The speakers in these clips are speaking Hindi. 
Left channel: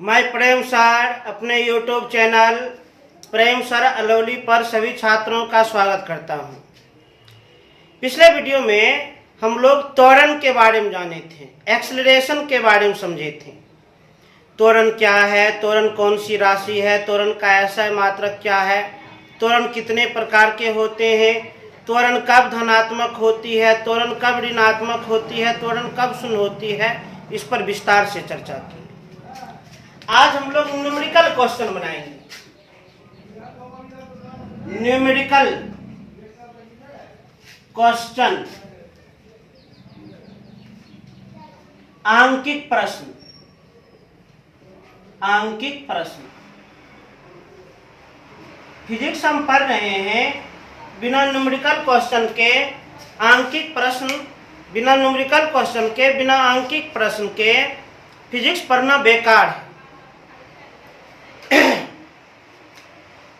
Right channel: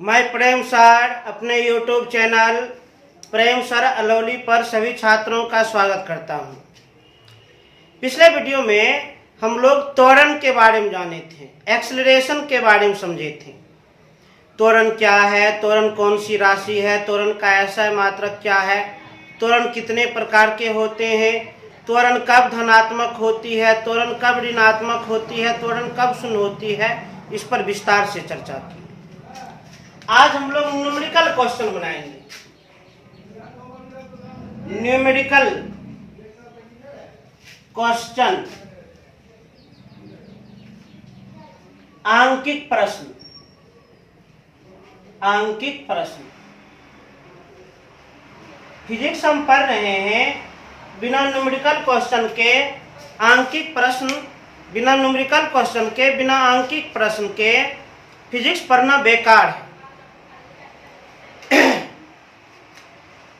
मैं प्रेम सर अपने यूट्यूब चैनल प्रेम सर अलौली पर सभी छात्रों का स्वागत करता हूं। पिछले वीडियो में हम लोग त्वरण के बारे में जाने थे, एक्सेलरेशन के बारे में समझे थे। त्वरण क्या है, त्वरण कौन सी राशि है, त्वरण का ऐसा मात्रक क्या है, त्वरण कितने प्रकार के होते हैं, त्वरण कब धनात्मक होती है, त्वरण कब ऋणात्मक होती है, त्वरण कब शून्य होती है, इस पर विस्तार से चर्चा की। आज हम लोग न्यूमेरिकल क्वेश्चन बनाएंगे। न्यूमेरिकल क्वेश्चन, आंकिक प्रश्न। आंकिक प्रश्न फिजिक्स हम पढ़ रहे हैं, बिना न्यूमेरिकल क्वेश्चन के आंकिक प्रश्न, बिना न्यूमेरिकल क्वेश्चन के, बिना आंकिक प्रश्न के फिजिक्स पढ़ना बेकार है।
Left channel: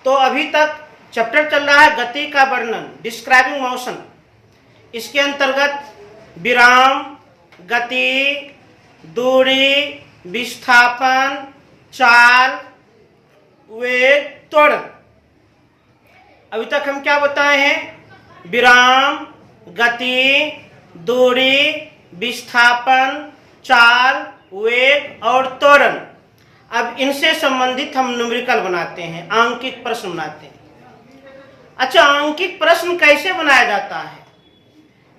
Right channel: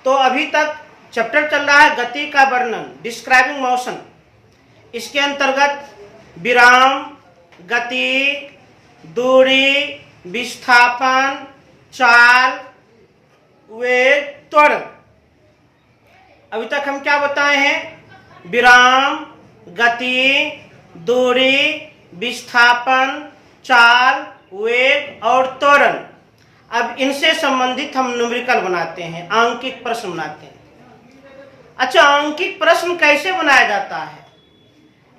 तो अभी तक चैप्टर चल रहा है गति का वर्णन, डिस्क्राइबिंग मोशन। इसके अंतर्गत विराम, गति, दूरी, विस्थापन, चाल, वेग, त्वरण। अभी तक हम क्या बताए हैं? विराम, गति, दूरी, विस्थापन, चाल, वेग और त्वरण। अब इनसे संबंधित हम न्यूमेरिकल बनाते हैं, आंकिक प्रश्न बनाते हैं। अच्छा, आंकिक प्रश्न कैसे बनाया जाता है?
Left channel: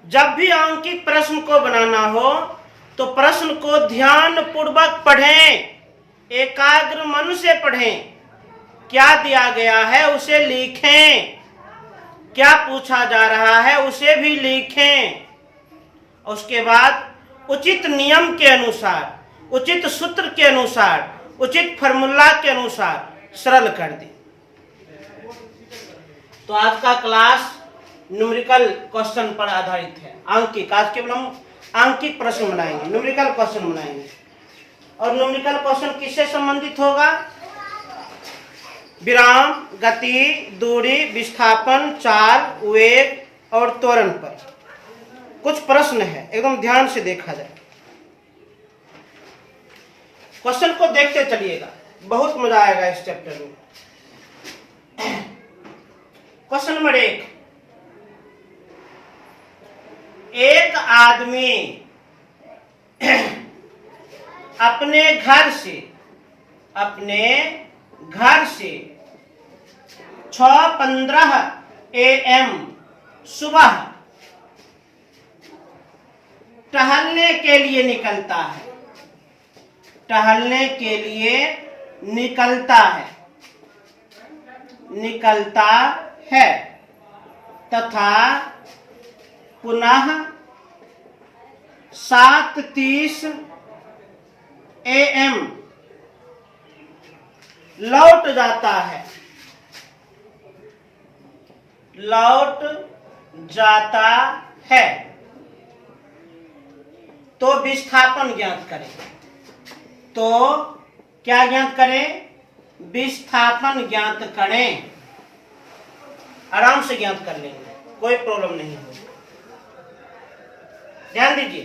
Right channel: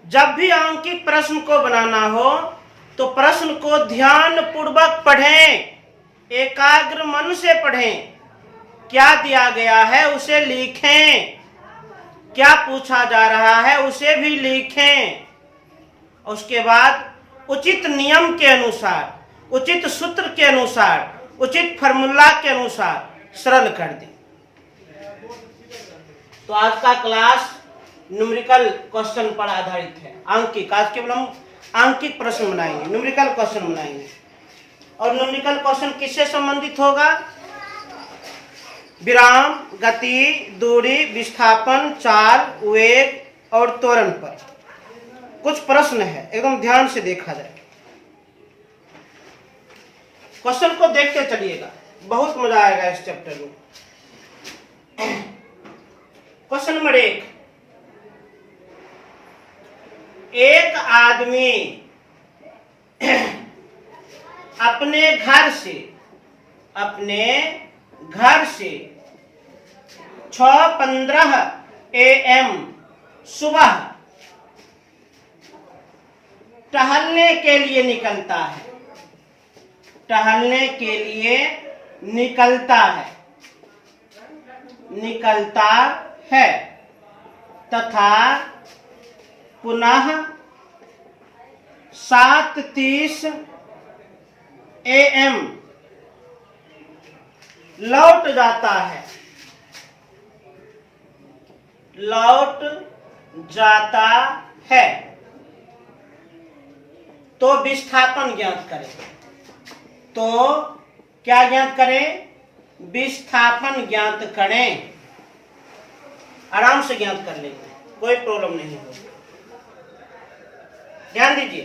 जब भी आंकिक प्रश्न को बनाना हो तो प्रश्न को ध्यान पूर्वक पढ़ें, एकाग्र मन से पढ़ें। क्या दिया गया है उसे लिखें, क्या पूछा जा रहा है उसे भी लिखें। उसके बाद उचित नियम के अनुसार, उचित सूत्र के अनुसार, उचित फार्मूला के अनुसार सरल कर दें। तो आज का क्लास न्यूमेरिकल क्वेश्चन पर आधारित है, आंकिक। आज केवल हम आंकिक प्रश्न बनाएंगे, न्यूमेरिकल क्वेश्चन बनाएंगे। और न्यूमेरिकल क्वेश्चन किससे संबंधित होगा? विराम, गति, दूरी, विस्थापन, चाल, वेग और त्वरण पर कुछ प्रश्न है, एकदम ध्यान से देखा जाए। क्वेश्चन को देखते चलिएगा, बहुत मजा आएगा इस चैप्टर में। क्वेश्चन नंबर 1, एक आदमी अपने घर से 6:15 AM सुबह टहलने के लिए निकलता है। टहलने के लिए निकलता है तथा पुनः 7:30 AM लौट जाता है। तो विस्थापन ज्ञात करें। तो क्या ज्ञात करें? विस्थापन ज्ञात करें। आराम से ज्ञात कर लेंगे, कोई प्रॉब्लम नहीं होगी। ध्यान दीजिए,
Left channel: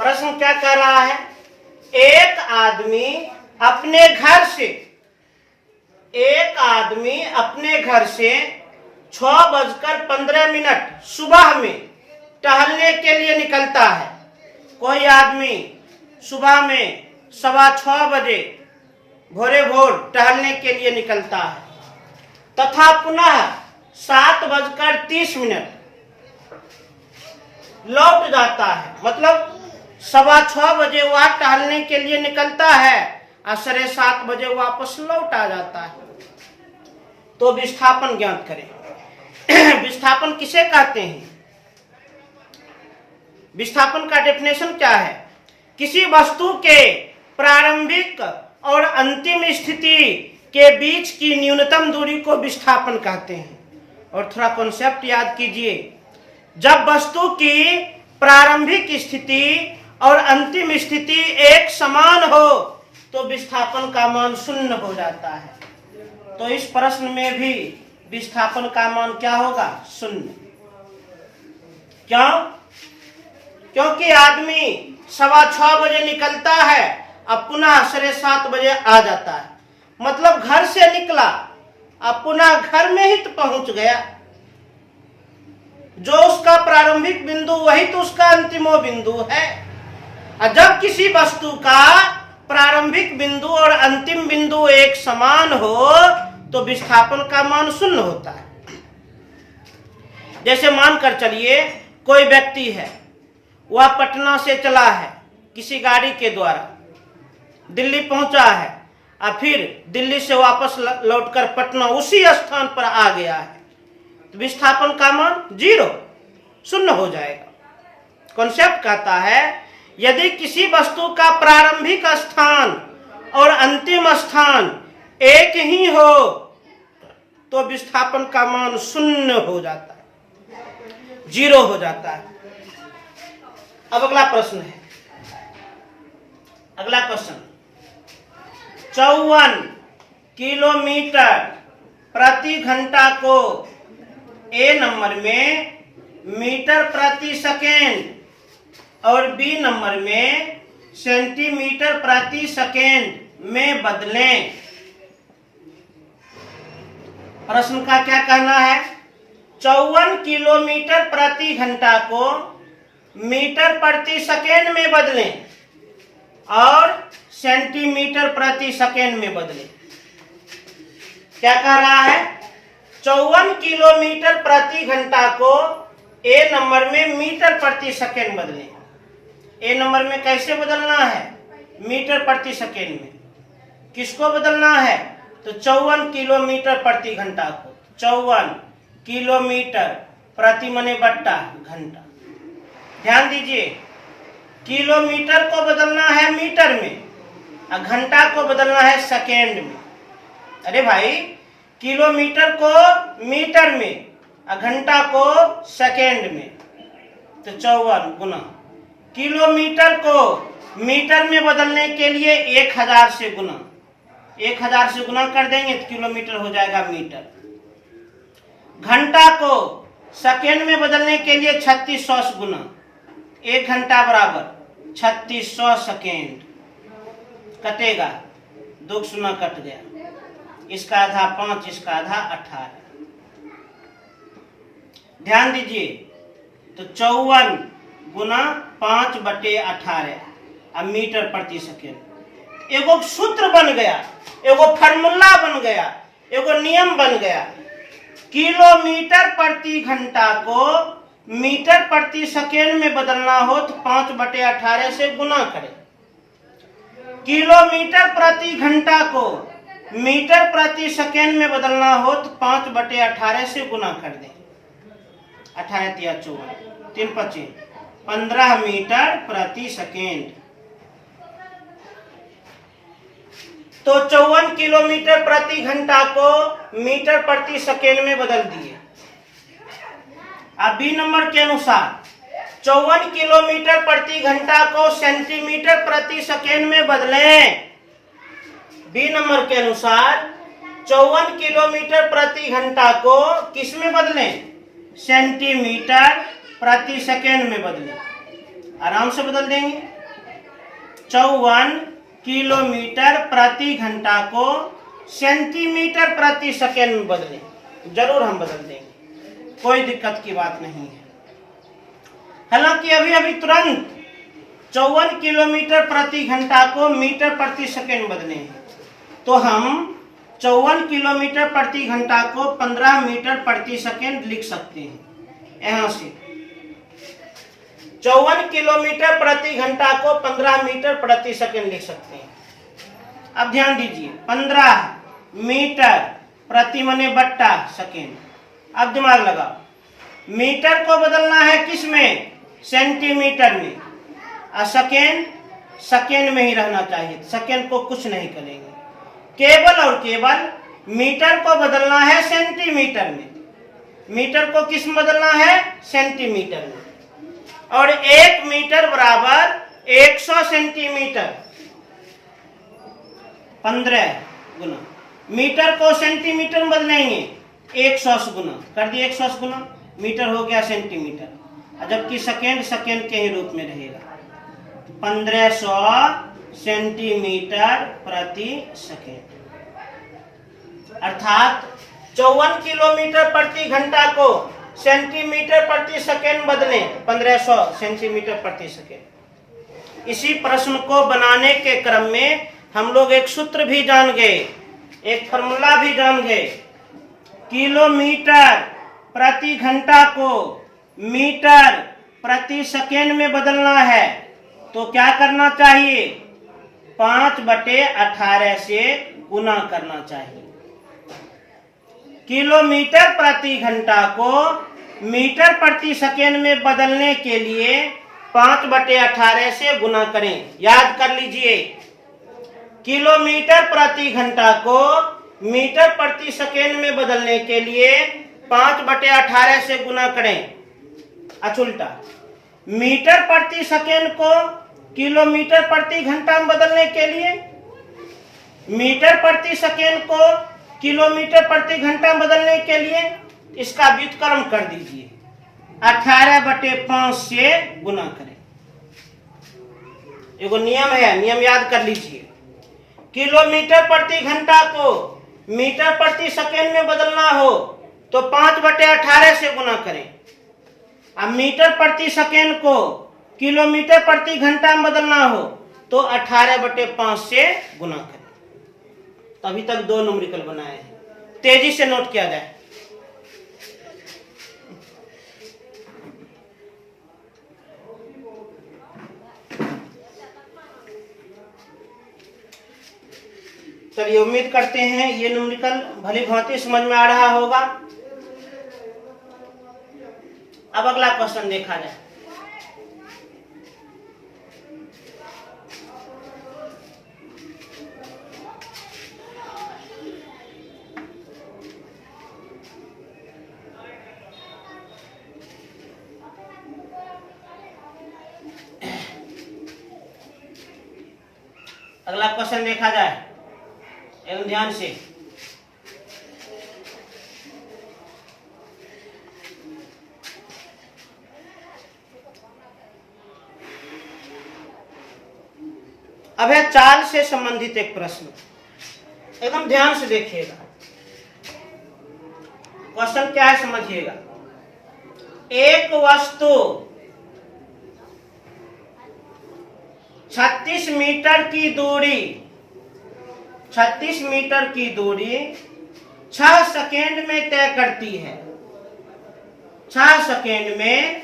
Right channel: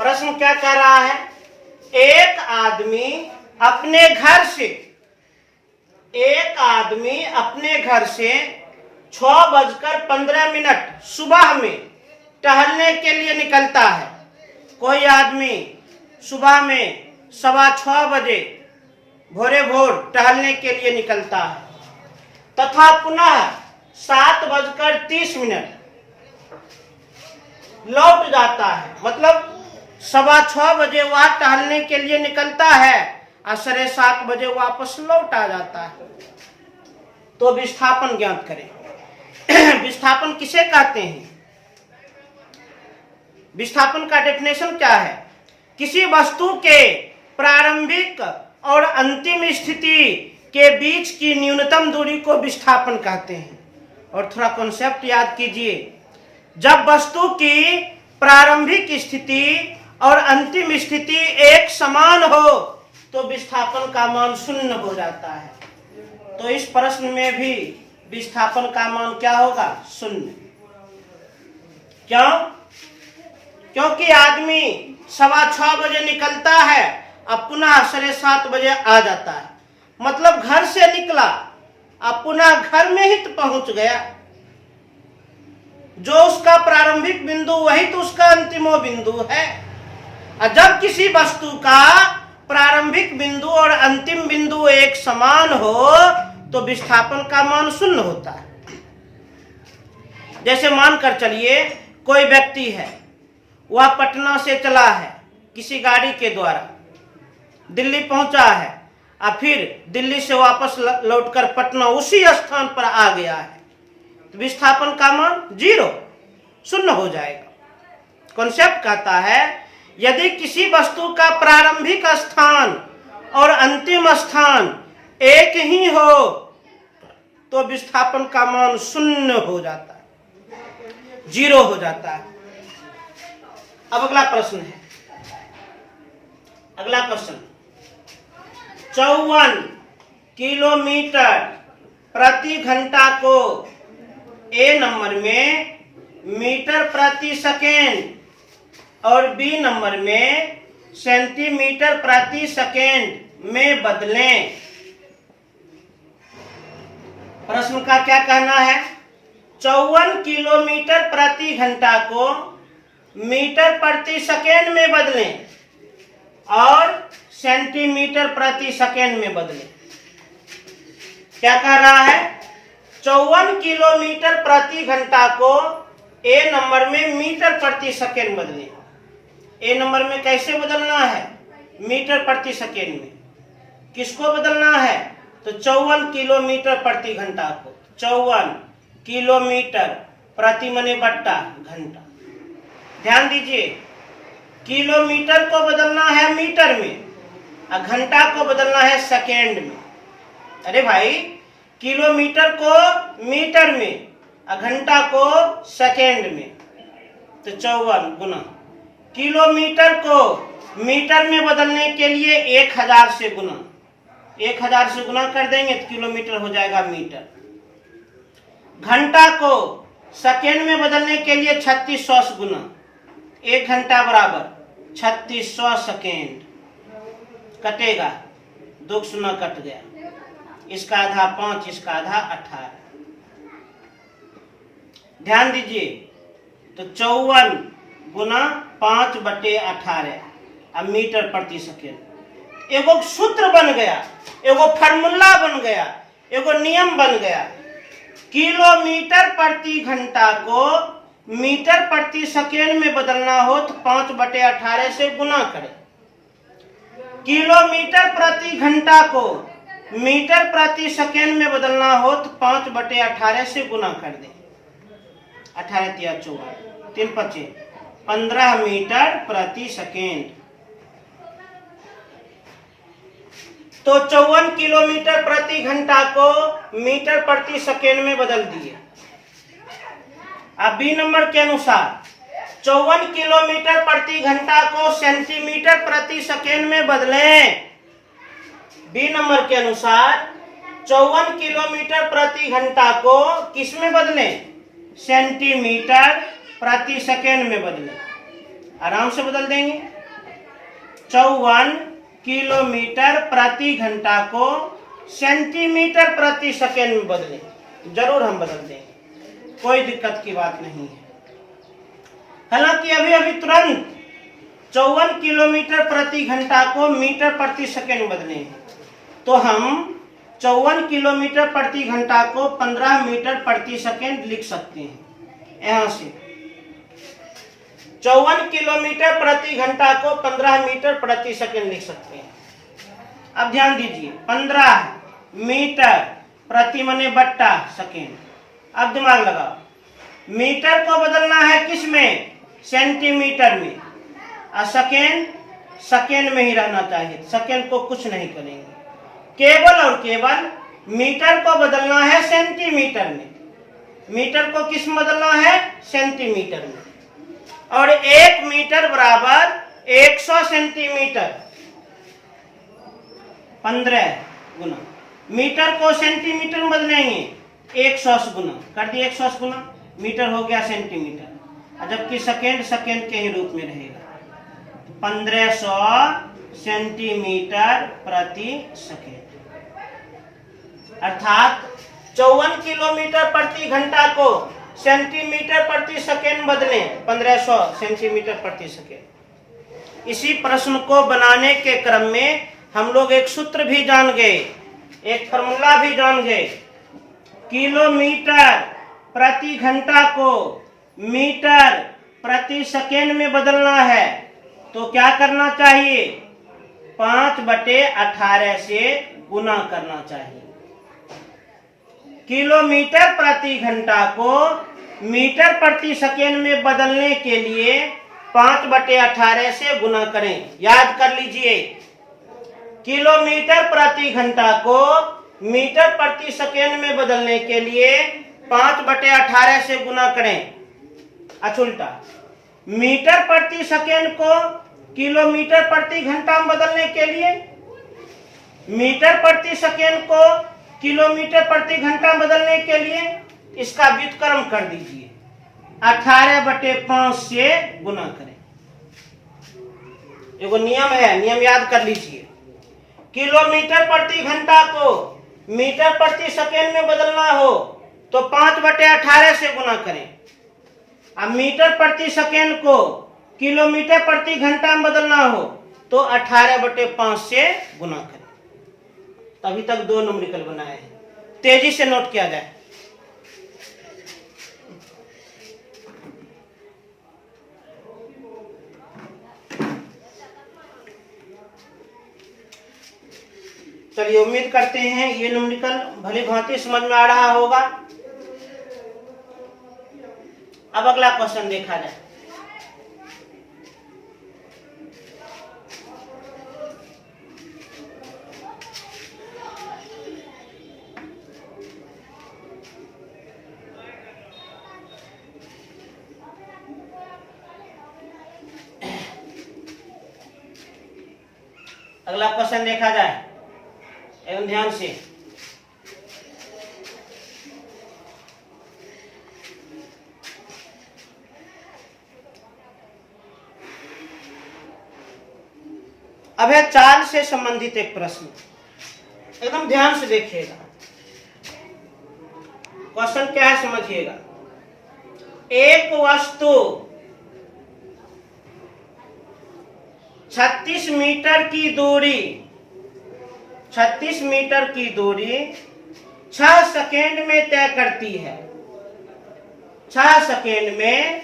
प्रश्न क्या कह रहा है? एक आदमी अपने घर से 6:15 सुबह में टहलने के लिए निकलता है। कोई आदमी सुबह में 6:15 बजे भोरे भोर टहलने के लिए निकलता है तथा पुनः 7:30 लौट जाता है। मतलब 6:15 बजे वह टहलने के लिए निकलता है और 7:30 बजे वापस लौट आ जाता है। तो विस्थापन ज्ञात करें। विस्थापन किसे कहते हैं? विस्थापन का डेफिनेशन क्या है? किसी वस्तु के प्रारंभिक और अंतिम स्थिति के बीच की न्यूनतम दूरी को विस्थापन कहते हैं। और थोड़ा कॉन्सेप्ट याद कीजिए, जब वस्तु की प्रारंभिक स्थिति और अंतिम स्थिति एक समान हो तो विस्थापन का मान 0 हो जाता है। तो इस प्रश्न में भी विस्थापन का मान क्या होगा? 0। क्यों? क्योंकि आदमी 6:15 बजे निकलता है अब पुनः 7:30 बजे आ जाता है, मतलब घर से निकला, अब पुनः घर में ही तो पहुंच गया। जो उसका प्रारंभिक बिंदु वही तो उसका अंतिमो बिंदु है। और जब किसी वस्तु का प्रारंभिक बिंदु और अंतिम बिंदु एक समान हो तो विस्थापन का मान शून्य होता है। जैसे मानकर चलिए कोई व्यक्ति है, वह पटना से चला है किसी गाड़ी के द्वारा, दिल्ली पहुंचा है, और फिर दिल्ली से वापस लौटकर पटना उसी स्थान पर आ गया है, तो विस्थापन का मान 0 शून्य हो जाएगा। कॉन्सेप्ट कहता है यदि किसी वस्तु का प्रारंभिक स्थान और अंतिम स्थान एक ही हो तो विस्थापन का मान शून्य हो जाता है, 0 हो जाता है। अब अगला प्रश्न है, अगला क्वेश्चन, 54 किलोमीटर प्रति घंटा को ए नंबर में मीटर प्रति सेकेंड और बी नंबर में सेंटीमीटर प्रति सेकेंड में बदलें। प्रश्न का क्या कहना है? 54 किलोमीटर प्रति घंटा को मीटर प्रति सेकेंड में बदलें और सेंटीमीटर प्रति सेकेंड में बदलें। क्या कह रहा है? 54 किलोमीटर प्रति घंटा को ए नंबर में मीटर प्रति सेकेंड बदलें। ए नंबर में कैसे बदलना है? मीटर प्रति सेकेंड में। किसको बदलना है? तो 54 किलोमीटर प्रति घंटा को। 54 किलोमीटर प्रति मने बट्टा घंटा। ध्यान दीजिए, किलोमीटर को बदलना है मीटर में और घंटा को बदलना है सेकेंड में। अरे भाई, किलोमीटर को मीटर में और घंटा को सेकेंड में, तो 54 गुना। किलोमीटर को मीटर में बदलने के लिए 1000 से गुना, 1000 से गुना कर देंगे तो किलोमीटर हो जाएगा मीटर। घंटा को सेकेंड में बदलने के लिए 3600 से गुना, 1 घंटा बराबर 3600 सेकेंड। कटेगा, 2 शून्य कट गया, इसका आधा 5, इसका आधा 18। ध्यान दीजिए, तो 54 गुना 5/18 अब मीटर प्रति सेकेंड। एगो सूत्र बन गया, एगो फार्मूला बन गया, एगो नियम बन गया। किलोमीटर प्रति घंटा को मीटर प्रति सेकेंड में बदलना हो तो 5/18 से गुना करें। किलोमीटर प्रति घंटा को मीटर प्रति सेकेंड में बदलना हो तो 5/18 से गुना कर दें। 18 × 54, 3 × 5 15 मीटर प्रति सेकेंड। तो 54 किलोमीटर प्रति घंटा को मीटर प्रति सेकेंड में बदल दिए। अब बी नंबर के अनुसार 54 किलोमीटर प्रति घंटा को सेंटीमीटर प्रति सेकेंड में बदलें। बी नंबर के अनुसार 54 किलोमीटर प्रति घंटा को किस में बदलें? सेंटीमीटर प्रति सेकेंड में बदलें। आराम से बदल देंगे। 54 किलोमीटर प्रति घंटा को सेंटीमीटर प्रति सेकेंड में बदलें। जरूर हम बदल देंगे, कोई दिक्कत की बात नहीं है। हालांकि अभी अभी तुरंत 54 किलोमीटर प्रति घंटा को मीटर प्रति सेकेंड बदले हैं, तो हम 54 किलोमीटर प्रति घंटा को 15 मीटर प्रति सेकेंड लिख सकते हैं। यहां से 54 किलोमीटर प्रति घंटा को 15 मीटर प्रति सेकेंड लिख सकते हैं। अब ध्यान दीजिए, 15 मीटर प्रति मने बट्टा सेकेंड। अब दिमाग लगाओ, मीटर को बदलना है किस में? सेंटीमीटर में। और सेकेंड सेकेंड में ही रहना चाहिए, सेकेंड को कुछ नहीं करेंगे। केवल और केवल मीटर को बदलना है सेंटीमीटर में। मीटर को किस में बदलना है? सेंटीमीटर में। और 1 मीटर बराबर 100 सेंटीमीटर। 15 गुना मीटर को सेंटीमीटर में बदलेंगे, 100 से गुना कर दिए। 100 से गुना मीटर हो गया सेंटीमीटर, जबकि सेकेंड सेकेंड के ही रूप में रहेगा। 1500 सेंटीमीटर प्रति सेकेंड, अर्थात 54 किलोमीटर प्रति घंटा को सेंटीमीटर प्रति सेकेंड बदलें 1500 सेंटीमीटर प्रति सेकेंड। इसी प्रश्न को बनाने के क्रम में हम लोग एक सूत्र भी जान गए, एक फॉर्मूला भी जान गए। किलोमीटर प्रति घंटा को मीटर प्रति सेकेंड में बदलना है तो क्या करना चाहिए? 5/18 से गुना करना चाहिए। किलोमीटर प्रति घंटा को मीटर प्रति सेकेंड में बदलने के लिए 5/18 से गुना करें। याद कर लीजिए, किलोमीटर प्रति घंटा को मीटर प्रति सेकेंड में बदलने के लिए 5/18 से गुना करें। उल्टा, मीटर प्रति सेकेंड को किलोमीटर प्रति घंटा में बदलने के लिए मीटर प्रति सेकेंड को किलोमीटर प्रति घंटा में बदलने के लिए इसका व्युत्क्रम कर दीजिए, 18/5 से गुना करें। एगो नियम है, नियम याद कर लीजिए। किलोमीटर प्रति घंटा को मीटर प्रति सेकेंड में बदलना हो तो 5/18 से गुना करें। अब मीटर प्रति सेकेंड को किलोमीटर प्रति घंटा में बदलना हो तो 18/5 से गुना करें। अभी तक 2 न्यूमेरिकल बनाए हैं, तेजी से नोट किया जाए। चलिए, उम्मीद करते हैं ये न्यूमेरिकल भली भांति समझ में आ रहा होगा। अब अगला क्वेश्चन देखा जाए। अगला क्वेश्चन देखा जाए एवं ध्यान से। अब है चाल से संबंधित एक प्रश्न, एकदम ध्यान से देखिएगा। क्वेश्चन क्या है समझिएगा। एक वस्तु 36 मीटर की दूरी 6 सेकेंड में तय करती है। 6 सेकेंड में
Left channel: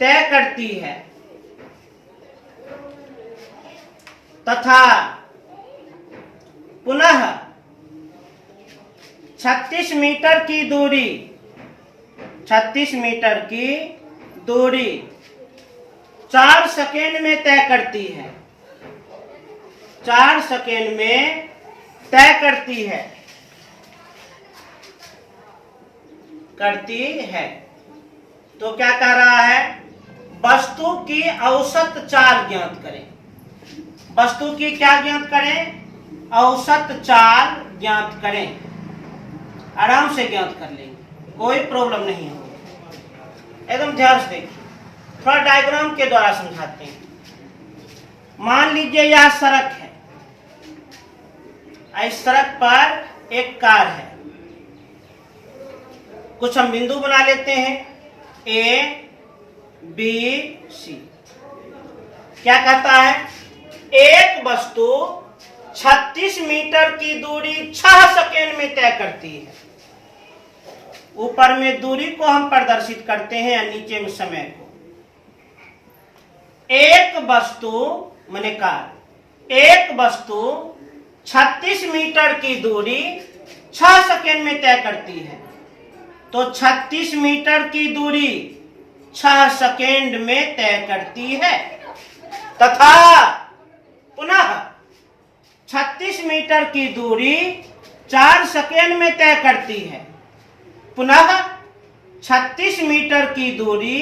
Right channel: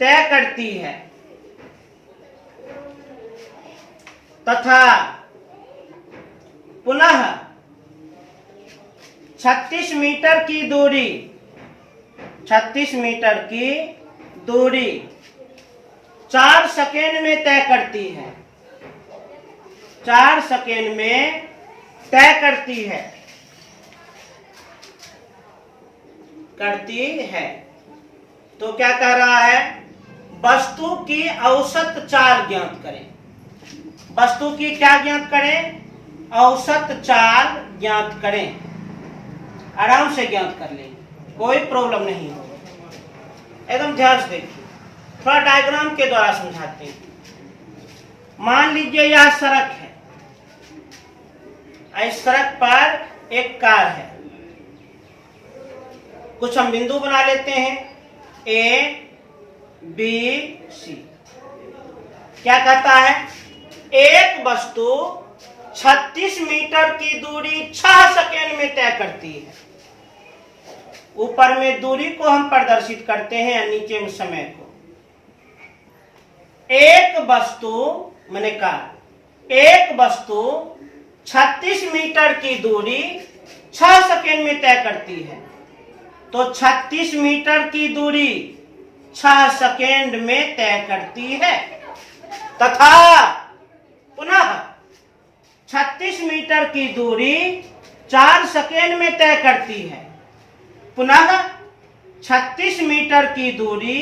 तय करती है तथा पुनः 36 मीटर की दूरी 4 सेकेंड में तय करती है। 4 सेकेंड में तय करती है तो क्या कह रहा है? वस्तु की औसत चाल ज्ञात करें। वस्तु की क्या ज्ञात करें? औसत चाल ज्ञात करें। आराम से ज्ञात कर लेंगे, कोई प्रॉब्लम नहीं होगी। एकदम ध्यान से देखिए, थोड़ा डायग्राम के द्वारा समझाते हैं। मान लीजिए यह सड़क है, इस सड़क पर एक कार है। कुछ हम बिंदु बना लेते हैं, A, B, C। क्या कहता है? एक वस्तु 36 मीटर की दूरी 6 सेकेंड में तय करती है। ऊपर में दूरी को हम प्रदर्शित करते हैं या नीचे में समय को। एक वस्तु मैंने कहा, एक वस्तु 36 मीटर की दूरी 6 सेकेंड में तय करती है तो 36 मीटर की दूरी 6 सेकेंड में तय करती है तथा पुनः 36 मीटर की दूरी 4 सेकेंड में तय करती है। पुनः 36 मीटर की दूरी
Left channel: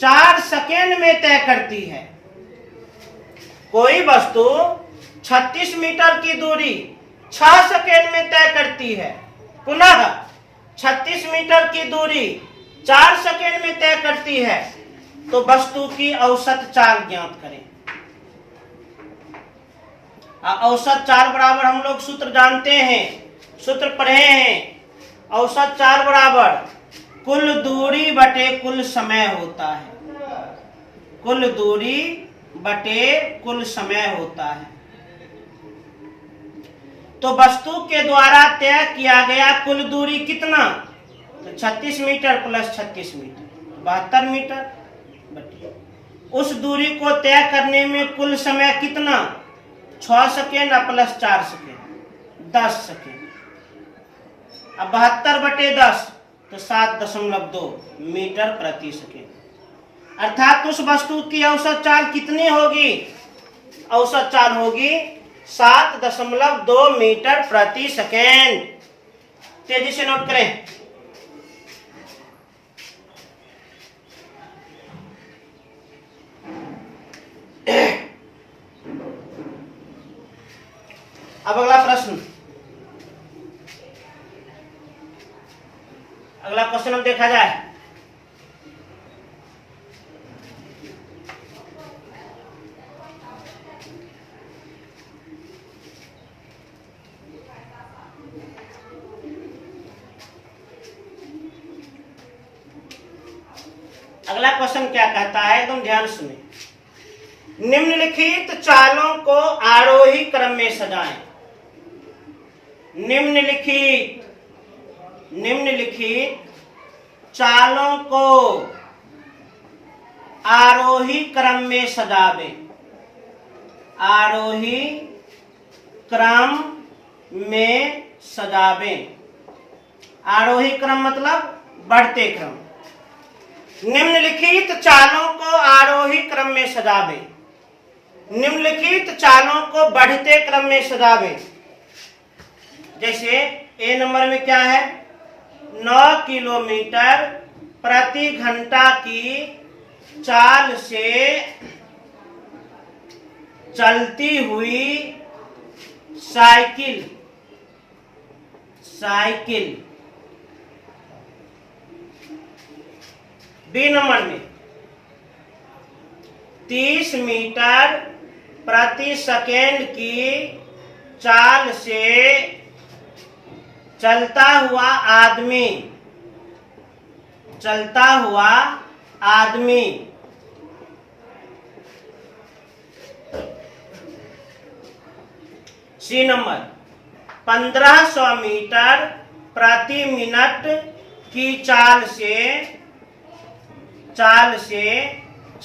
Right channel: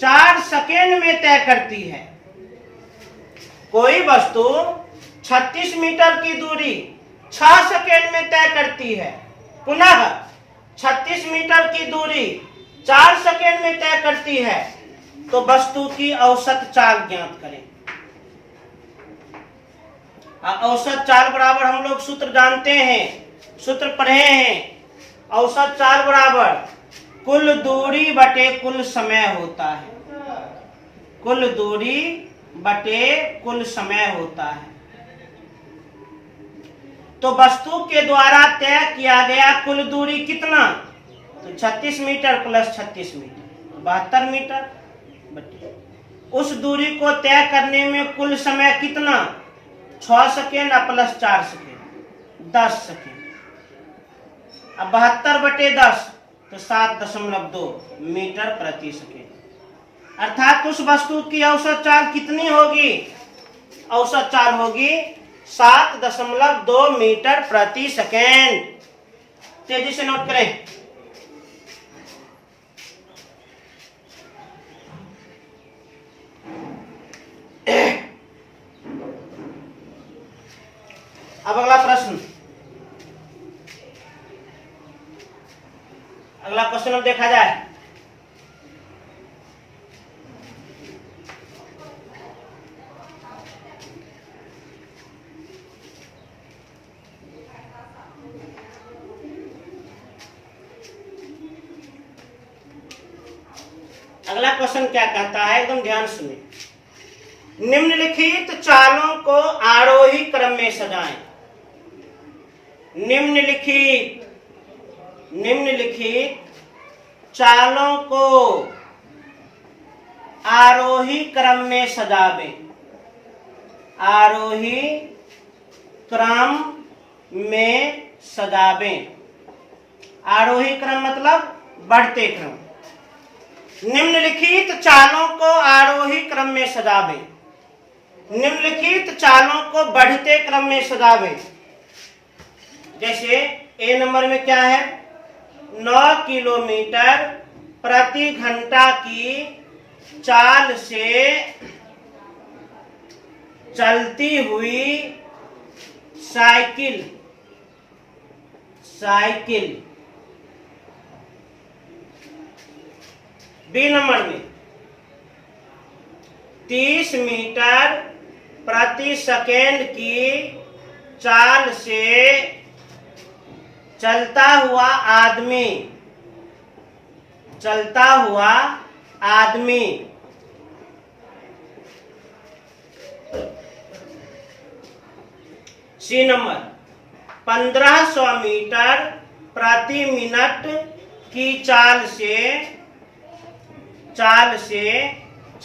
4 सेकेंड में तय करती है। कोई वस्तु 36 मीटर की दूरी 6 सेकेंड में तय करती है, पुनः 36 मीटर की दूरी 4 सेकेंड में तय करती है तो वस्तु की औसत चाल ज्ञात करें। औसत चाल बराबर हम लोग सूत्र जानते हैं, सूत्र पढ़े हैं। औसत चाल बराबर कुल दूरी बटे कुल समय होता है। कुल दूरी बटे कुल समय होता है। तो वस्तु के द्वारा तय किया गया कुल दूरी कितना? तो 36 मीटर प्लस 36 मीटर 72 मीटर बटे उस दूरी को तय करने में कुल समय कितना? 6 सेकेंड प्लस 4 सेकेंड 10 सेकेंड। अब 72 बटे 10 तो 7.2 मीटर प्रति सेकेंड। अर्थात उस वस्तु की औसत चाल कितनी होगी? औसत चाल होगी 7.2 मीटर प्रति सेकेंड। तेजी से नोट करें। अब अगला प्रश्न, अगला क्वेश्चन अब देखा जाए। अगला क्वेश्चन क्या कहता है, एकदम ध्यान सुने। निम्नलिखित चालों को आरोही क्रम में सजाएं। निम्नलिखित चालों को आरोही क्रम में सजावें। आरोही क्रम में सजावें। आरोही क्रम मतलब बढ़ते क्रम। निम्नलिखित चालों को आरोही क्रम में सजावें। निम्नलिखित चालों को बढ़ते क्रम में सजावें। जैसे ए नंबर में क्या है? 9 किलोमीटर प्रति घंटा की चाल से चलती हुई साइकिल बी नंबर में 30 मीटर प्रति सेकेंड की चाल से चलता हुआ आदमी सी नंबर 1500 मीटर प्रति मिनट की चाल से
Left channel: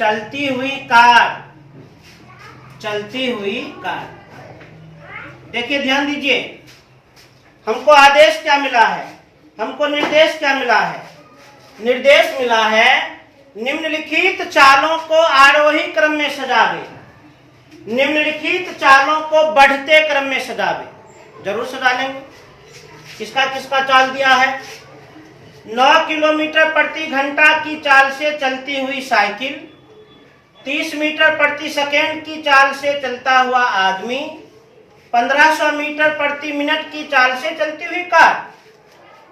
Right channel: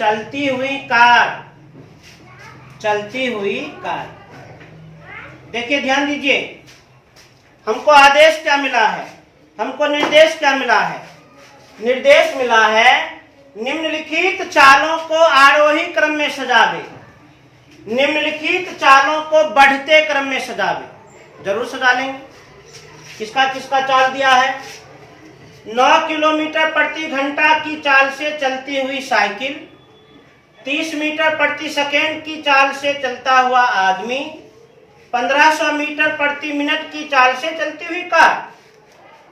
चलती हुई कार। देखिए ध्यान दीजिए, हमको आदेश क्या मिला है? हमको निर्देश क्या मिला है? निर्देश मिला है निम्नलिखित चालों को आरोही क्रम में सजावे। निम्नलिखित चालों को बढ़ते क्रम में सजावे। जरूर सजा लेंगे। किसका किसका चाल दिया है? 9 किलोमीटर प्रति घंटा की चाल से चलती हुई साइकिल, 30 मीटर प्रति सेकेंड की चाल से चलता हुआ आदमी, 1500 मीटर प्रति मिनट की चाल से चलती हुई कार।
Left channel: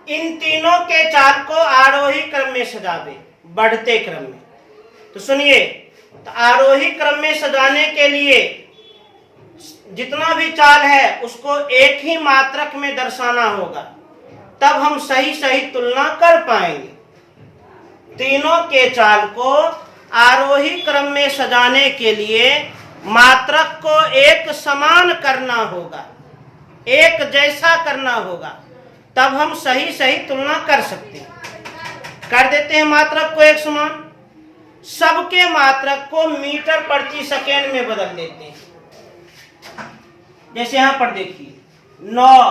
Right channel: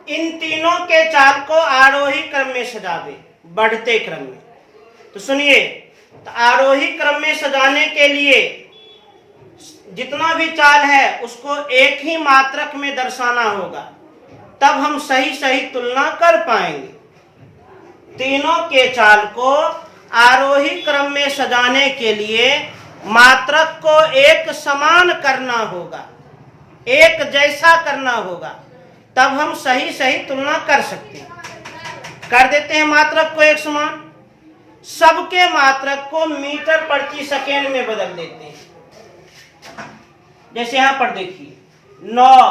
इन तीनों के चाल को आरोही क्रम में सजावे, बढ़ते क्रम में। तो सुनिए, तो आरोही क्रम में सजाने के लिए जितना भी चाल है उसको एक ही मात्रक में दर्शाना होगा, तब हम सही तुलना कर पाएंगे। तीनों के चाल को आरोही क्रम में सजाने के लिए मात्रक को एक समान करना होगा, एक जैसा करना होगा, तब हम सही तुलना कर सकते हैं। कर देते हैं मात्रक को एक समान। सबके मात्रक को मीटर प्रति सेकेंड में बदल देते हैं। जैसे यहां पर देखिए 9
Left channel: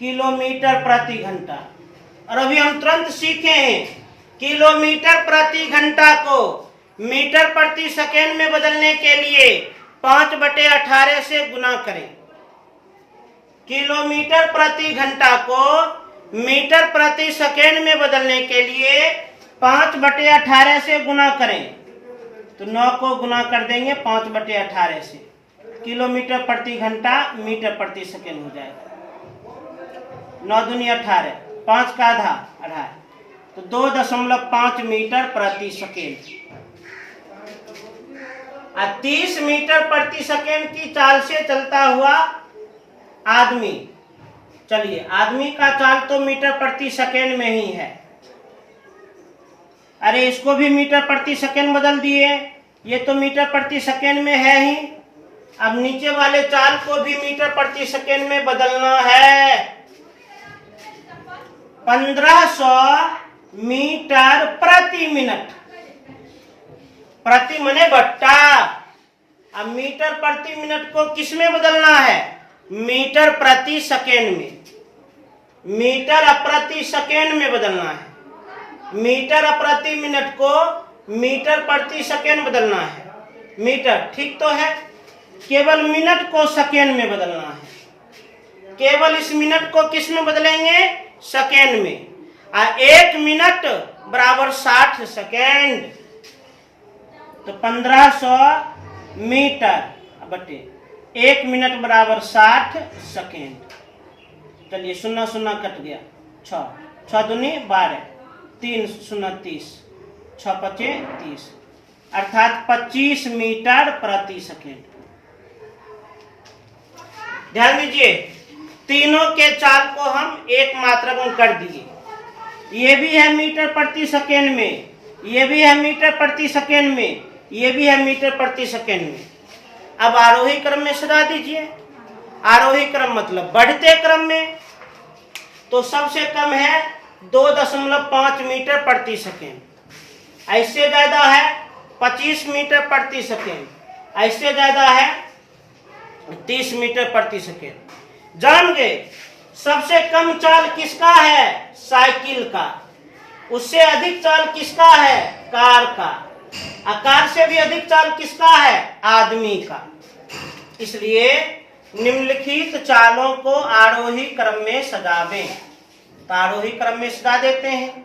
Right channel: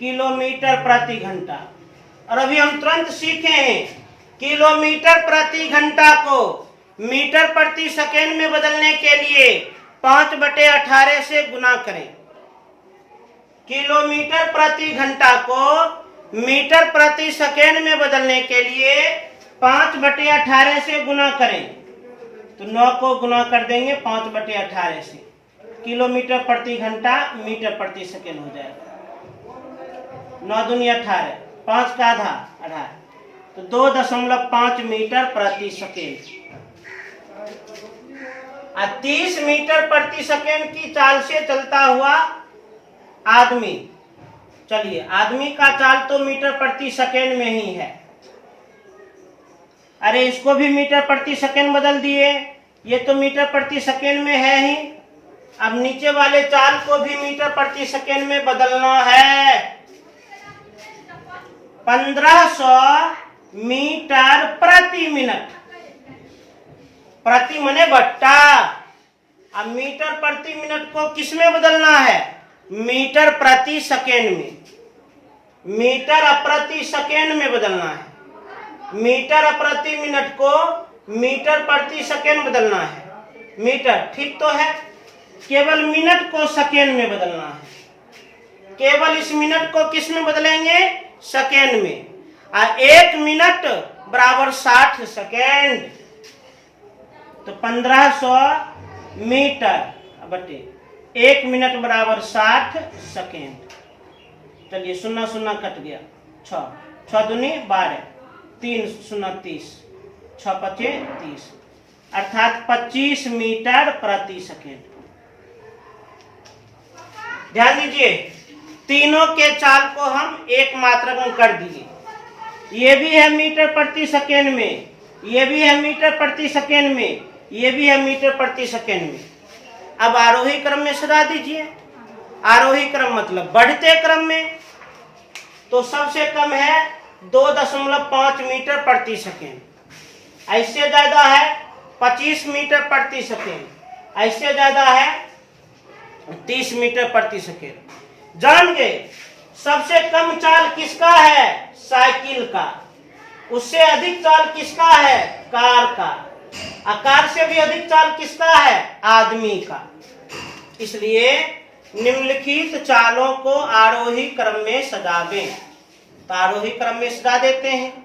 किलोमीटर प्रति घंटा, और अभी हम तुरंत सीखे हैं किलोमीटर प्रति घंटा को मीटर प्रति सेकेंड में बदलने के लिए 5/18 से गुना करें। किलोमीटर प्रति घंटा को मीटर प्रति सेकेंड में बदलने के लिए 5/18 से गुना करें। तो 9 को गुना कर देंगे 5/18 से, किलोमीटर प्रति घंटा मीटर प्रति सेकेंड हो जाएगा। 9 दूनी 18, 5 का आधा 18, तो 2.5 मीटर प्रति सेकेंड। 30 मीटर प्रति सेकेंड की चाल से चलता हुआ आदमी। चलिए, आदमी का चाल तो मीटर प्रति सेकेंड में ही है। अरे इसको भी मीटर प्रति सेकेंड बदल दिए, ये तो मीटर प्रति सेकेंड में है ही। अब नीचे वाले चाल को भी मीटर प्रति सेकेंड में बदलना है। 1500 मीटर प्रति मिनट, प्रति मने बट्टा। अब मीटर प्रति मिनट को किस में बदलना है? मीटर प्रति सेकेंड में। मीटर प्रति सेकेंड में बदलना है। मीटर प्रति मिनट को मीटर प्रति सेकेंड बदलना है। मीटर ठीक तो है, केवल मिनट को सेकेंड में बदलना है। केवल इस मिनट को किस में बदलेंगे? सेकेंड में। 1 मिनट बराबर 60 सेकेंड, तो 1500 मीटर बटे 1 मिनट बराबर 60 सेकेंड। चलिए, 0 0 कट गया, 6 6 दूनी 12, 3 0 30, 6 5 30, अर्थात 25 मीटर प्रति सेकेंड। ध्यान दीजिए, तीनों के चाल को हम एक मात्रक में कर दिए। ये भी है मीटर प्रति सेकेंड में, ये भी है मीटर प्रति सेकेंड में, ये भी है मीटर प्रति सेकेंड में। अब आरोही क्रम में सजा दीजिए। आरोही क्रम मतलब बढ़ते क्रम में, तो सबसे कम है 2.5 मीटर प्रति सेकेंड। ऐसे ज्यादा है 25 मीटर प्रति सेकेंड, ऐसे ज्यादा है 30 मीटर प्रति सेकेंड। जान गए, सबसे कम चाल किसका है? साइकिल का। उससे अधिक चाल किसका है? कार का। कार से भी अधिक चाल किसका है? आदमी का। इसलिए निम्नलिखित चालों को आरोही क्रम में सजावें। तो आरोही क्रम में सजा देते हैं।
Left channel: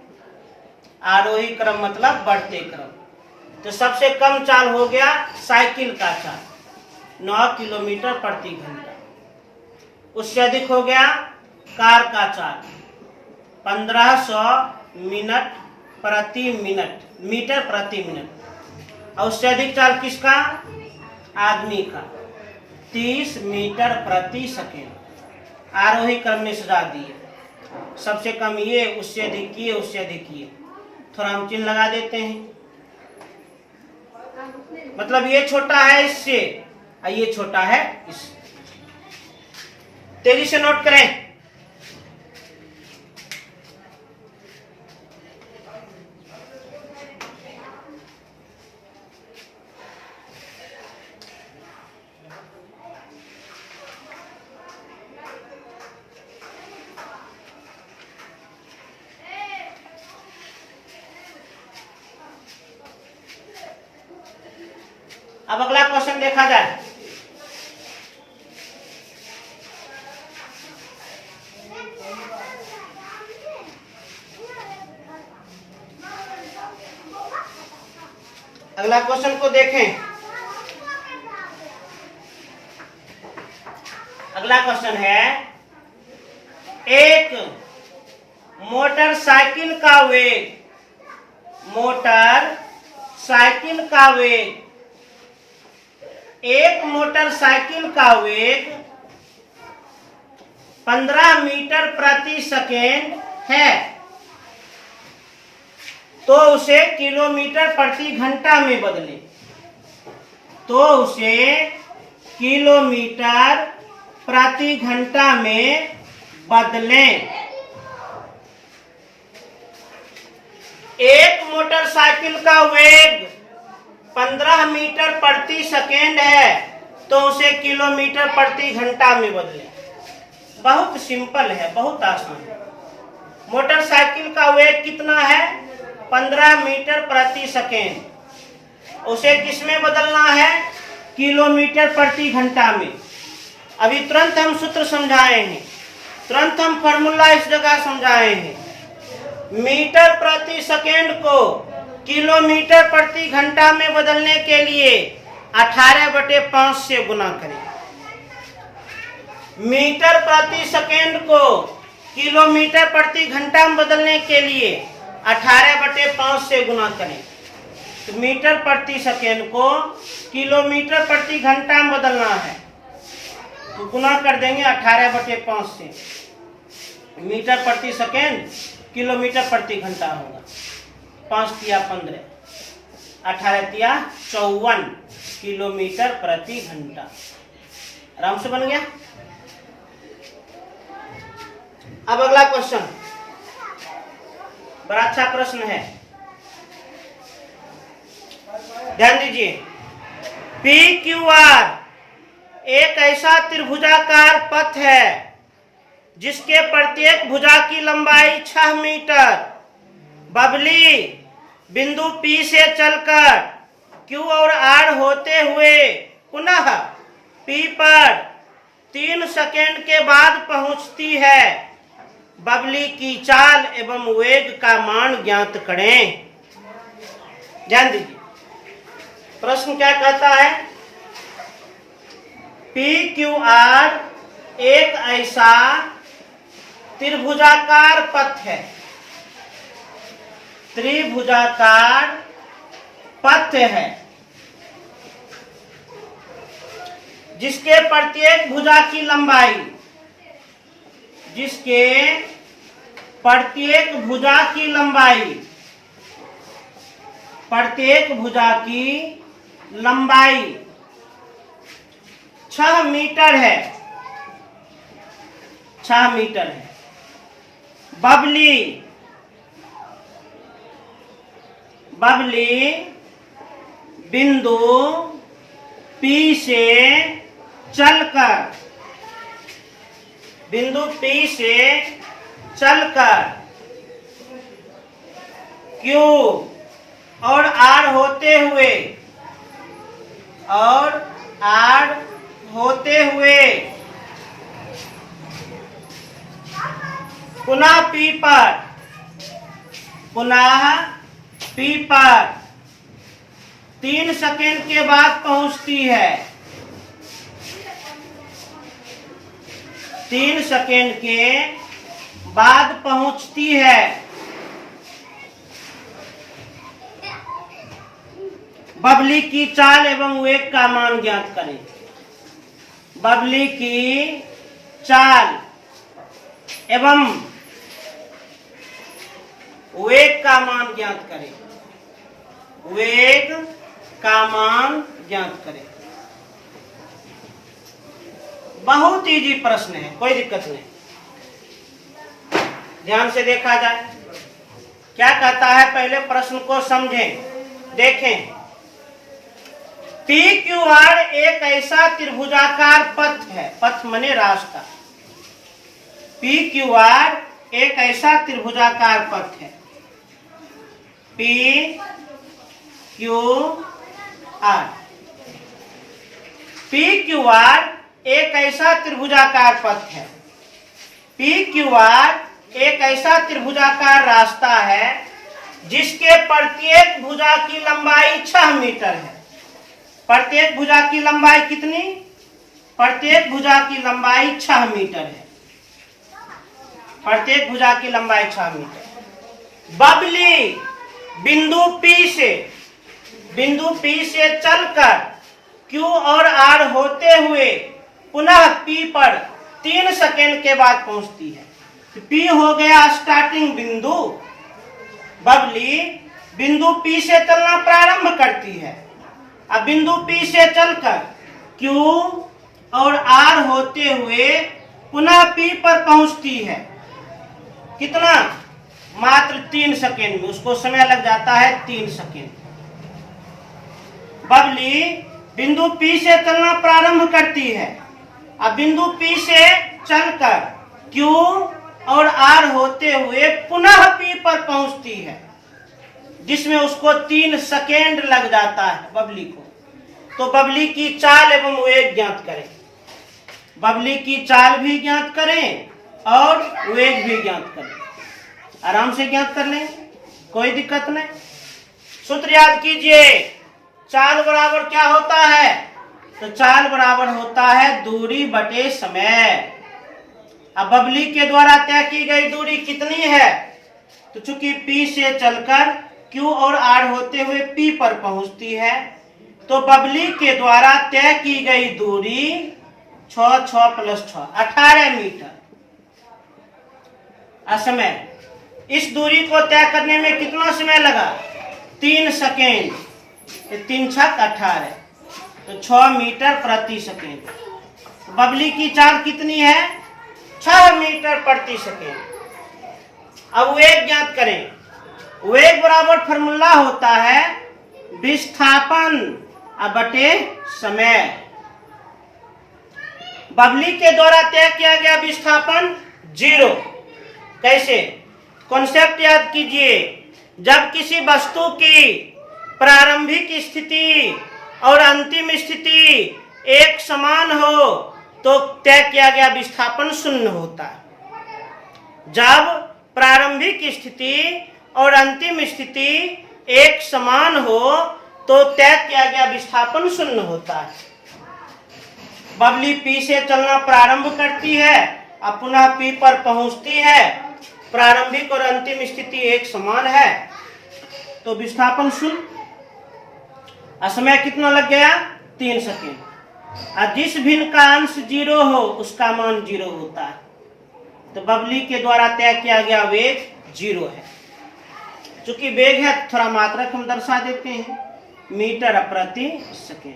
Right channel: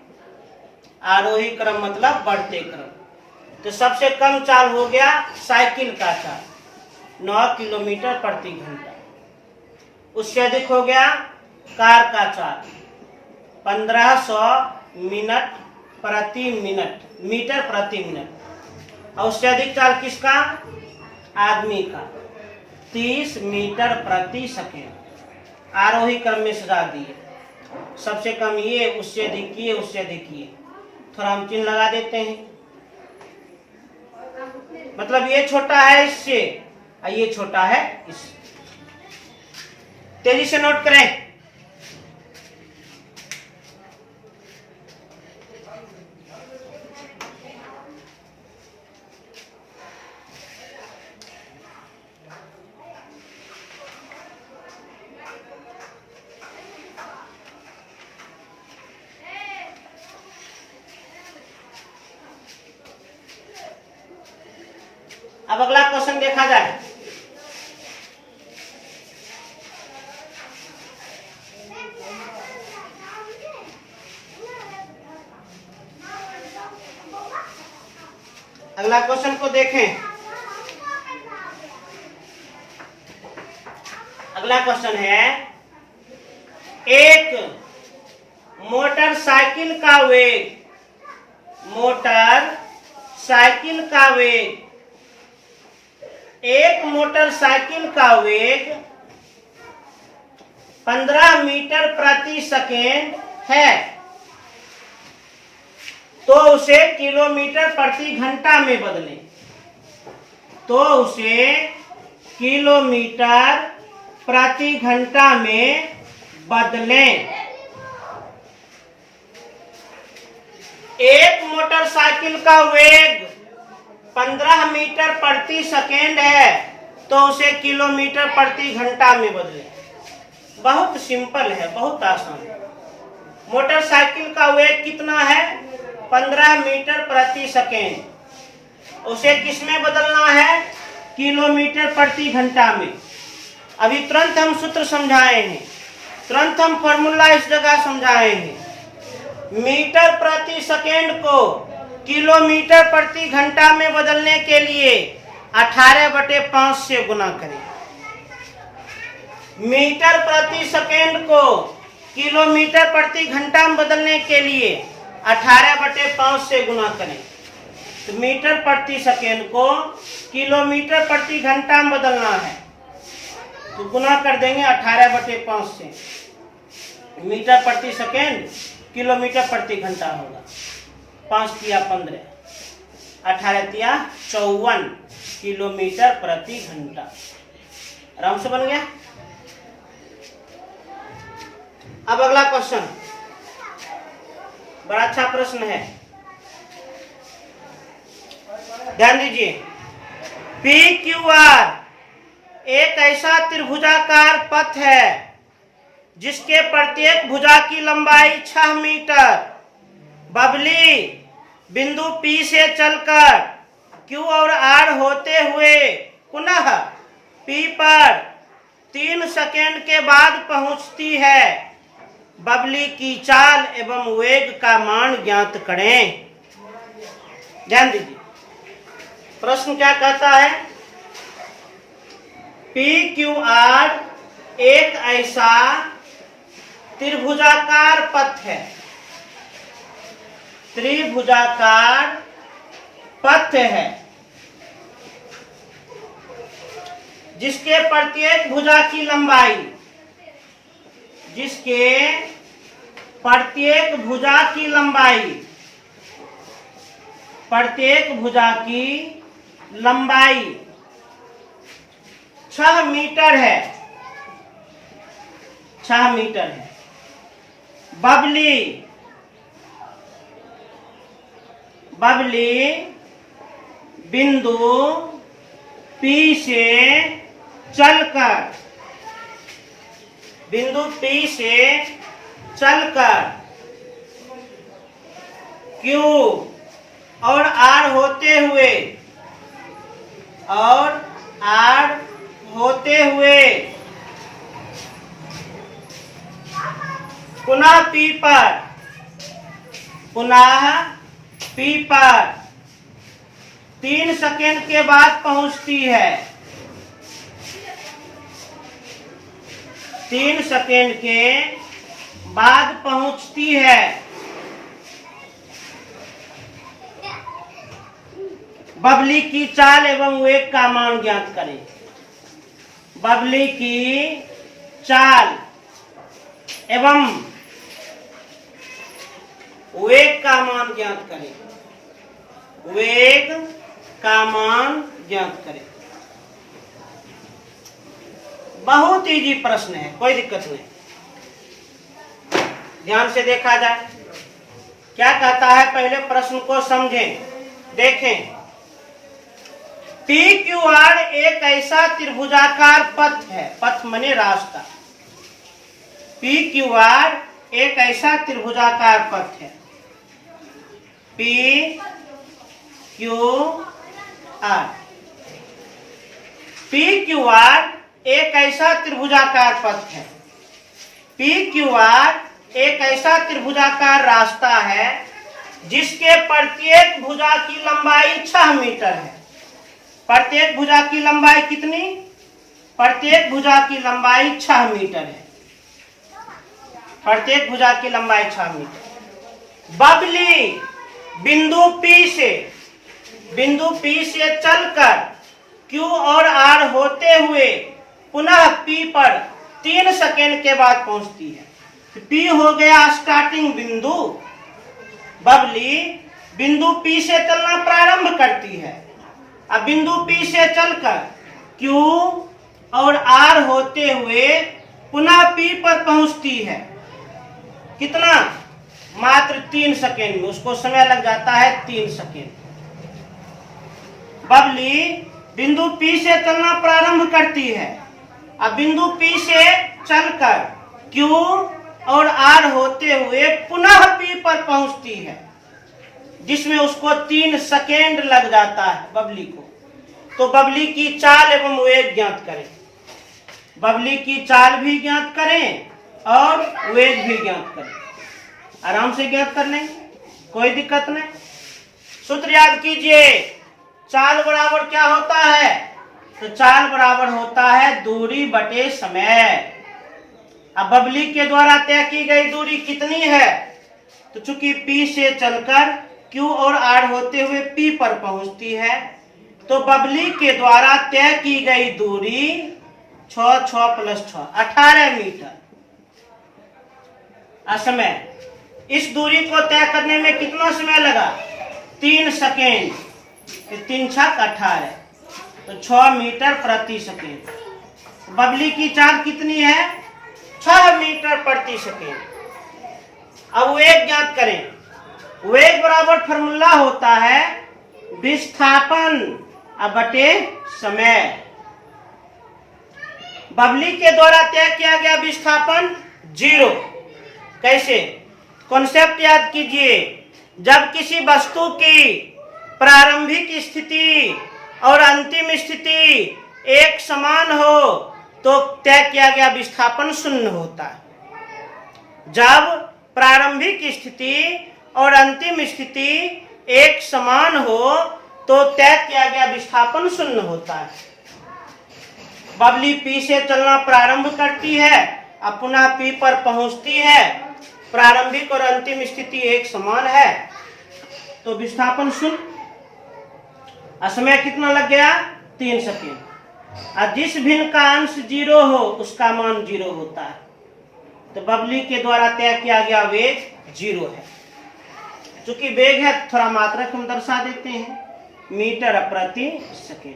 आरोही क्रम मतलब बढ़ते क्रम। तो सबसे कम चाल हो गया साइकिल का चाल, 9 किलोमीटर प्रति घंटा। उससे अधिक हो गया कार का चाल, 1500 मिनट प्रति मिनट, मीटर प्रति मिनट। और उससे अधिक चाल किसका? आदमी का, 30 मीटर प्रति सेकेंड। आरोही क्रम में सजा दिए। सबसे कम ये, उससे अधिक ये, उससे अधिक ये। थोड़ा हम चिन्ह लगा देते हैं। मतलब ये छोटा है इससे और ये छोटा है इससे। तेजी से नोट करें। अब अगला क्वेश्चन देखा जाए। अगला क्वेश्चन को देखें। अगला क्वेश्चन है, एक मोटरसाइकिल का वेग, मोटरसाइकिल का वेग, एक मोटरसाइकिल का वेग 15 मीटर प्रति सेकेंड है, तो उसे किलोमीटर प्रति घंटा में बदलें। तो उसे किलोमीटर प्रति घंटा में बदलें। एक मोटरसाइकिल का वेग 15 मीटर प्रति सेकेंड है, तो उसे किलोमीटर प्रति घंटा में बदलें। बहुत सिंपल है, बहुत आसान है। मोटरसाइकिल का वेग कितना है? 15 मीटर प्रति सेकेंड। उसे किस में बदलना है? किलोमीटर प्रति घंटा में। अभी तुरंत हम सूत्र समझाए हैं, तुरंत हम फॉर्मूला इस जगह समझाए हैं। मीटर प्रति सेकेंड को किलोमीटर प्रति घंटा में बदलने के लिए 18/5 से गुना करें। मीटर प्रति सेकेंड को किलोमीटर प्रति घंटा में बदलने के लिए 18/5 से गुना करें। तो मीटर प्रति सेकेंड को किलोमीटर प्रति घंटा में बदलना है, तो गुना कर देंगे 18/5 से। मीटर प्रति सेकेंड किलोमीटर प्रति घंटा होगा। 5 तिया 15, 18 तिया 54 किलोमीटर प्रति घंटा। आराम से बन गया। अब अगला क्वेश्चन, बड़ा अच्छा प्रश्न है, ध्यान दीजिए। PQR एक ऐसा त्रिभुजाकार पथ है जिसके प्रत्येक भुजा की लंबाई 6 मीटर। बबली बिंदु P से चलकर Q और R होते हुए पुनः P पर 3 सेकेंड के बाद पहुंचती है। बबली की चाल एवं वेग का मान ज्ञात करें। ध्यान दीजिए, प्रश्न क्या कहता है? PQR एक ऐसा त्रिभुजाकार पथ है, त्रिभुजाकार पथ है जिसके प्रत्येक भुजा की लंबाई, जिसके प्रत्येक भुजा की लंबाई, प्रत्येक भुजा की लंबाई 6 मीटर है, 6 मीटर है। बबली बिंदु P से चलकर, बिंदु P से चलकर Q और R होते हुए, और R होते हुए पुनः P पर, पुनः P पर 3 सेकेंड के बाद पहुंचती है। 3 सेकेंड के बाद पहुंचती है। बबली की चाल एवं वेग का मान ज्ञात करें। बबली की चाल एवं वेग का मान ज्ञात करें। वेग का मान ज्ञात करें। बहुत इजी प्रश्न है, कोई दिक्कत नहीं। ध्यान से देखा जाए क्या कहता है, पहले प्रश्न को समझें, देखें। PQR एक ऐसा त्रिभुजाकार पथ है, पथ माने रास्ता। PQR एक ऐसा त्रिभुजाकार पथ है। PQR एक ऐसा त्रिभुजाकार पथ है। PQR एक ऐसा त्रिभुजाकार रास्ता है जिसके प्रत्येक भुजा की लंबाई 6 मीटर है। प्रत्येक भुजा की लंबाई कितनी? प्रत्येक भुजा की लंबाई 6 मीटर है। प्रत्येक भुजा की लंबाई 6 मीटर। बबली बिंदु P से चलकर Q और R होते हुए पुनः P पर 3 सेकेंड के बाद पहुंचती है। P हो गया स्टार्टिंग बिंदु। बबली बिंदु P से चलना प्रारंभ करती है। अब बिंदु P से चलकर Q और R होते हुए पुनः P पर पहुंचती है। कितना? मात्र 3 सेकेंड में। उसको समय लग जाता है 3 सेकेंड। बबली बिंदु P से चलना प्रारंभ करती है। अब बिंदु P से चलकर Q और R होते हुए पुनः P पर पहुंचती है, जिसमें उसको 3 सेकेंड लग जाता है बबली को। तो बबली की चाल एवं वेग ज्ञात करें। बबली की चाल भी ज्ञात करें और वेग भी ज्ञात करें। आराम से ज्ञात कर लेंगे, कोई दिक्कत नहीं। सूत्र याद कीजिए। चाल बराबर क्या होता है? तो चाल बराबर होता है दूरी बटे समय। अब बबली के द्वारा तय की गई दूरी कितनी है? तो चूंकि P से चलकर Q और R होते हुए P पर पहुंचती है, तो बबली के द्वारा तय की गई दूरी 6 + 6 18 मीटर। समय, इस दूरी को तय करने में कितना समय लगा? 3 सेकेंड। 3 × 6 = 18, तो 6 मीटर प्रति सेकेंड। बबली की चाल कितनी है? 6 मीटर प्रति सेकेंड। अब वेग ज्ञात करें। वेग बराबर फॉर्मूला होता है विस्थापन बटे समय। बबली के द्वारा तय किया गया विस्थापन 0। कैसे? कॉन्सेप्ट याद कीजिए। जब किसी वस्तु की प्रारंभिक स्थिति और अंतिम स्थिति एक समान हो तो तय किया गया विस्थापन 0 होता है। जब प्रारंभिक स्थिति और अंतिम स्थिति एक समान हो तो तय किया गया विस्थापन 0 होता है। बबली P से चलना प्रारंभ करती है और पुनः P पर पहुंचती है। प्रारंभिक और अंतिम स्थिति एक समान है तो विस्थापन 0। समय कितना लग गया? 3 सेकेंड। और जिस भिन्न का अंश 0 हो उसका मान 0 होता है, तो बबली के द्वारा तय किया गया वेग 0 है। चूंकि वेग है थोड़ा मात्रक हम दर्शा देते हैं, मीटर प्रति सेकेंड।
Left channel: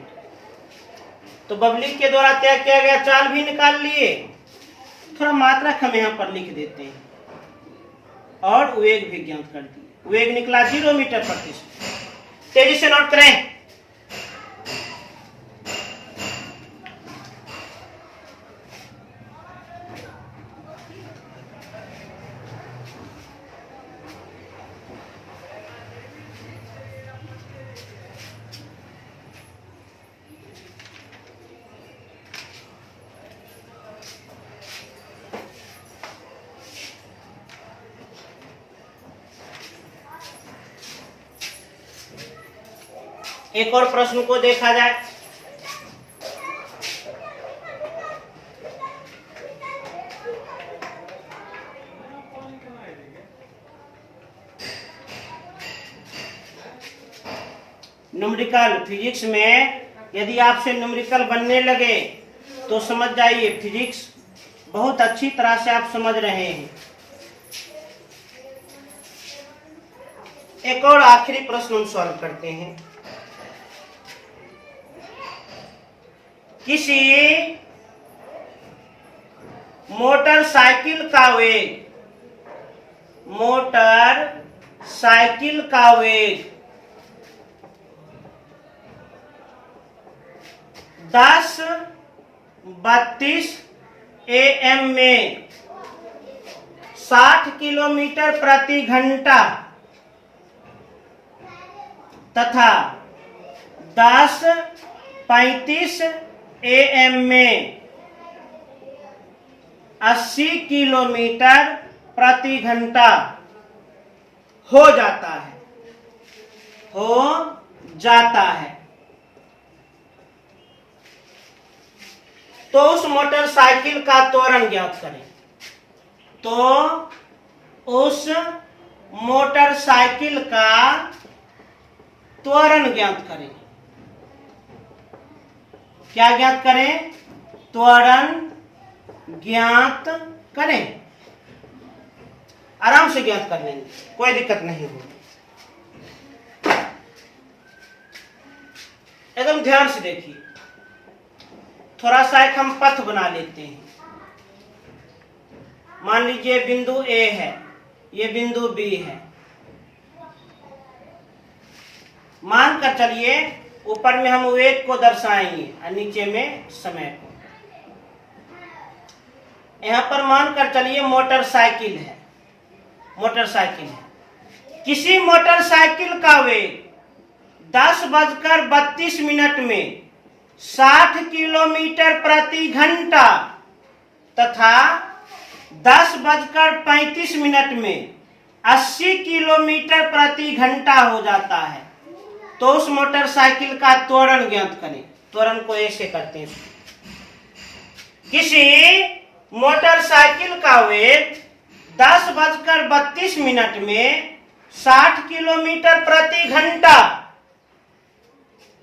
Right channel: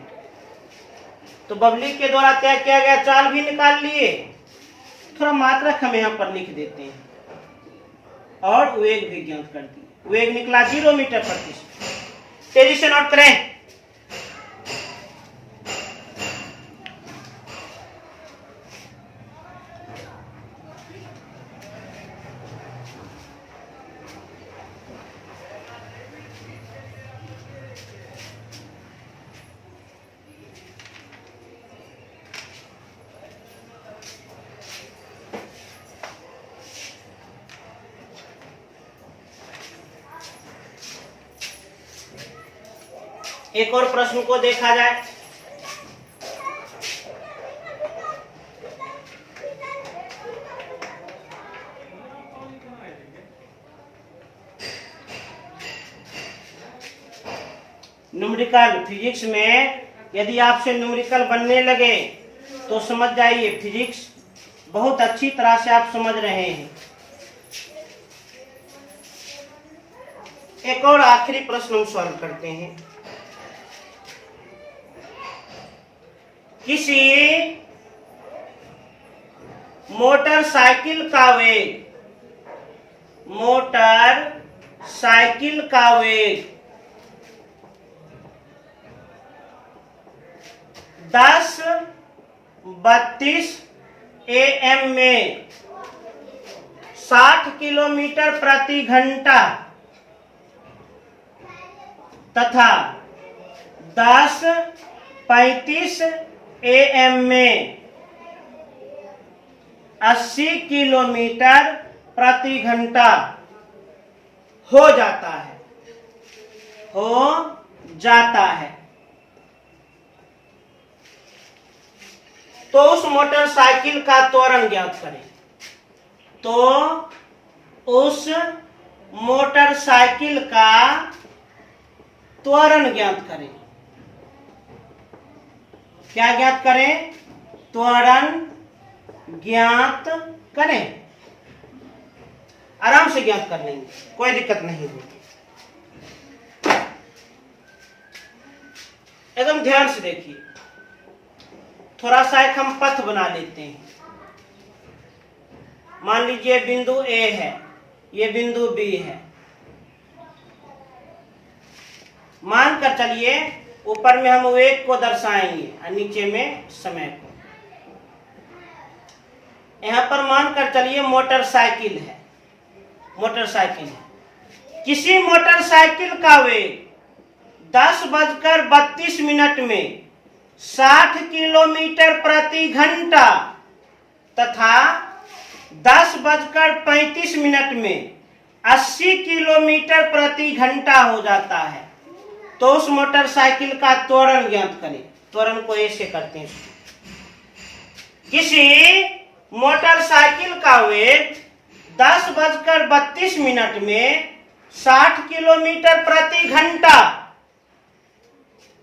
तो बबली के द्वारा तय किया गया चाल भी निकाल लिए, थोड़ा मात्रक हम यहाँ पर लिख देते हैं और वेग भी ज्ञात कर दिए। वेग निकला 0 मीटर प्रति सेकेंड। तेजी से नोट करें। एक और प्रश्न को देखा जाए। न्यूमेरिकल फिजिक्स में यदि आपसे न्यूमेरिकल बनने लगे तो समझ जाइए फिजिक्स बहुत अच्छी तरह से आप समझ रहे हैं। एक और आखिरी प्रश्न हम सॉल्व करते हैं। किसी मोटरसाइकिल का वेग 1032 AM में 60 किलोमीटर प्रति घंटा तथा 1035 AM में 80 किलोमीटर प्रति घंटा हो जाता है, तो उस मोटरसाइकिल का त्वरण ज्ञात करें। तो उस मोटरसाइकिल का त्वरण ज्ञात करें। क्या ज्ञात करें? त्वरण ज्ञात करें। आराम से ज्ञात कर लेंगे, कोई दिक्कत नहीं होगी। एकदम ध्यान से देखिए। थोड़ा सा एक हम पथ बना लेते हैं। मान लीजिए बिंदु A है, ये बिंदु B है। मानकर चलिए ऊपर में हम वेग को दर्शाएंगे और नीचे में समय को। यहां पर मानकर चलिए मोटरसाइकिल है। किसी मोटरसाइकिल का वेग 10:32 में 60 किलोमीटर प्रति घंटा तथा 10:35 में 80 किलोमीटर प्रति घंटा हो जाता है, तो उस मोटरसाइकिल का त्वरण ज्ञात करें। त्वरण को ऐसे करते हैं। किसी मोटरसाइकिल का वेग 10:32 में 60 किलोमीटर प्रति घंटा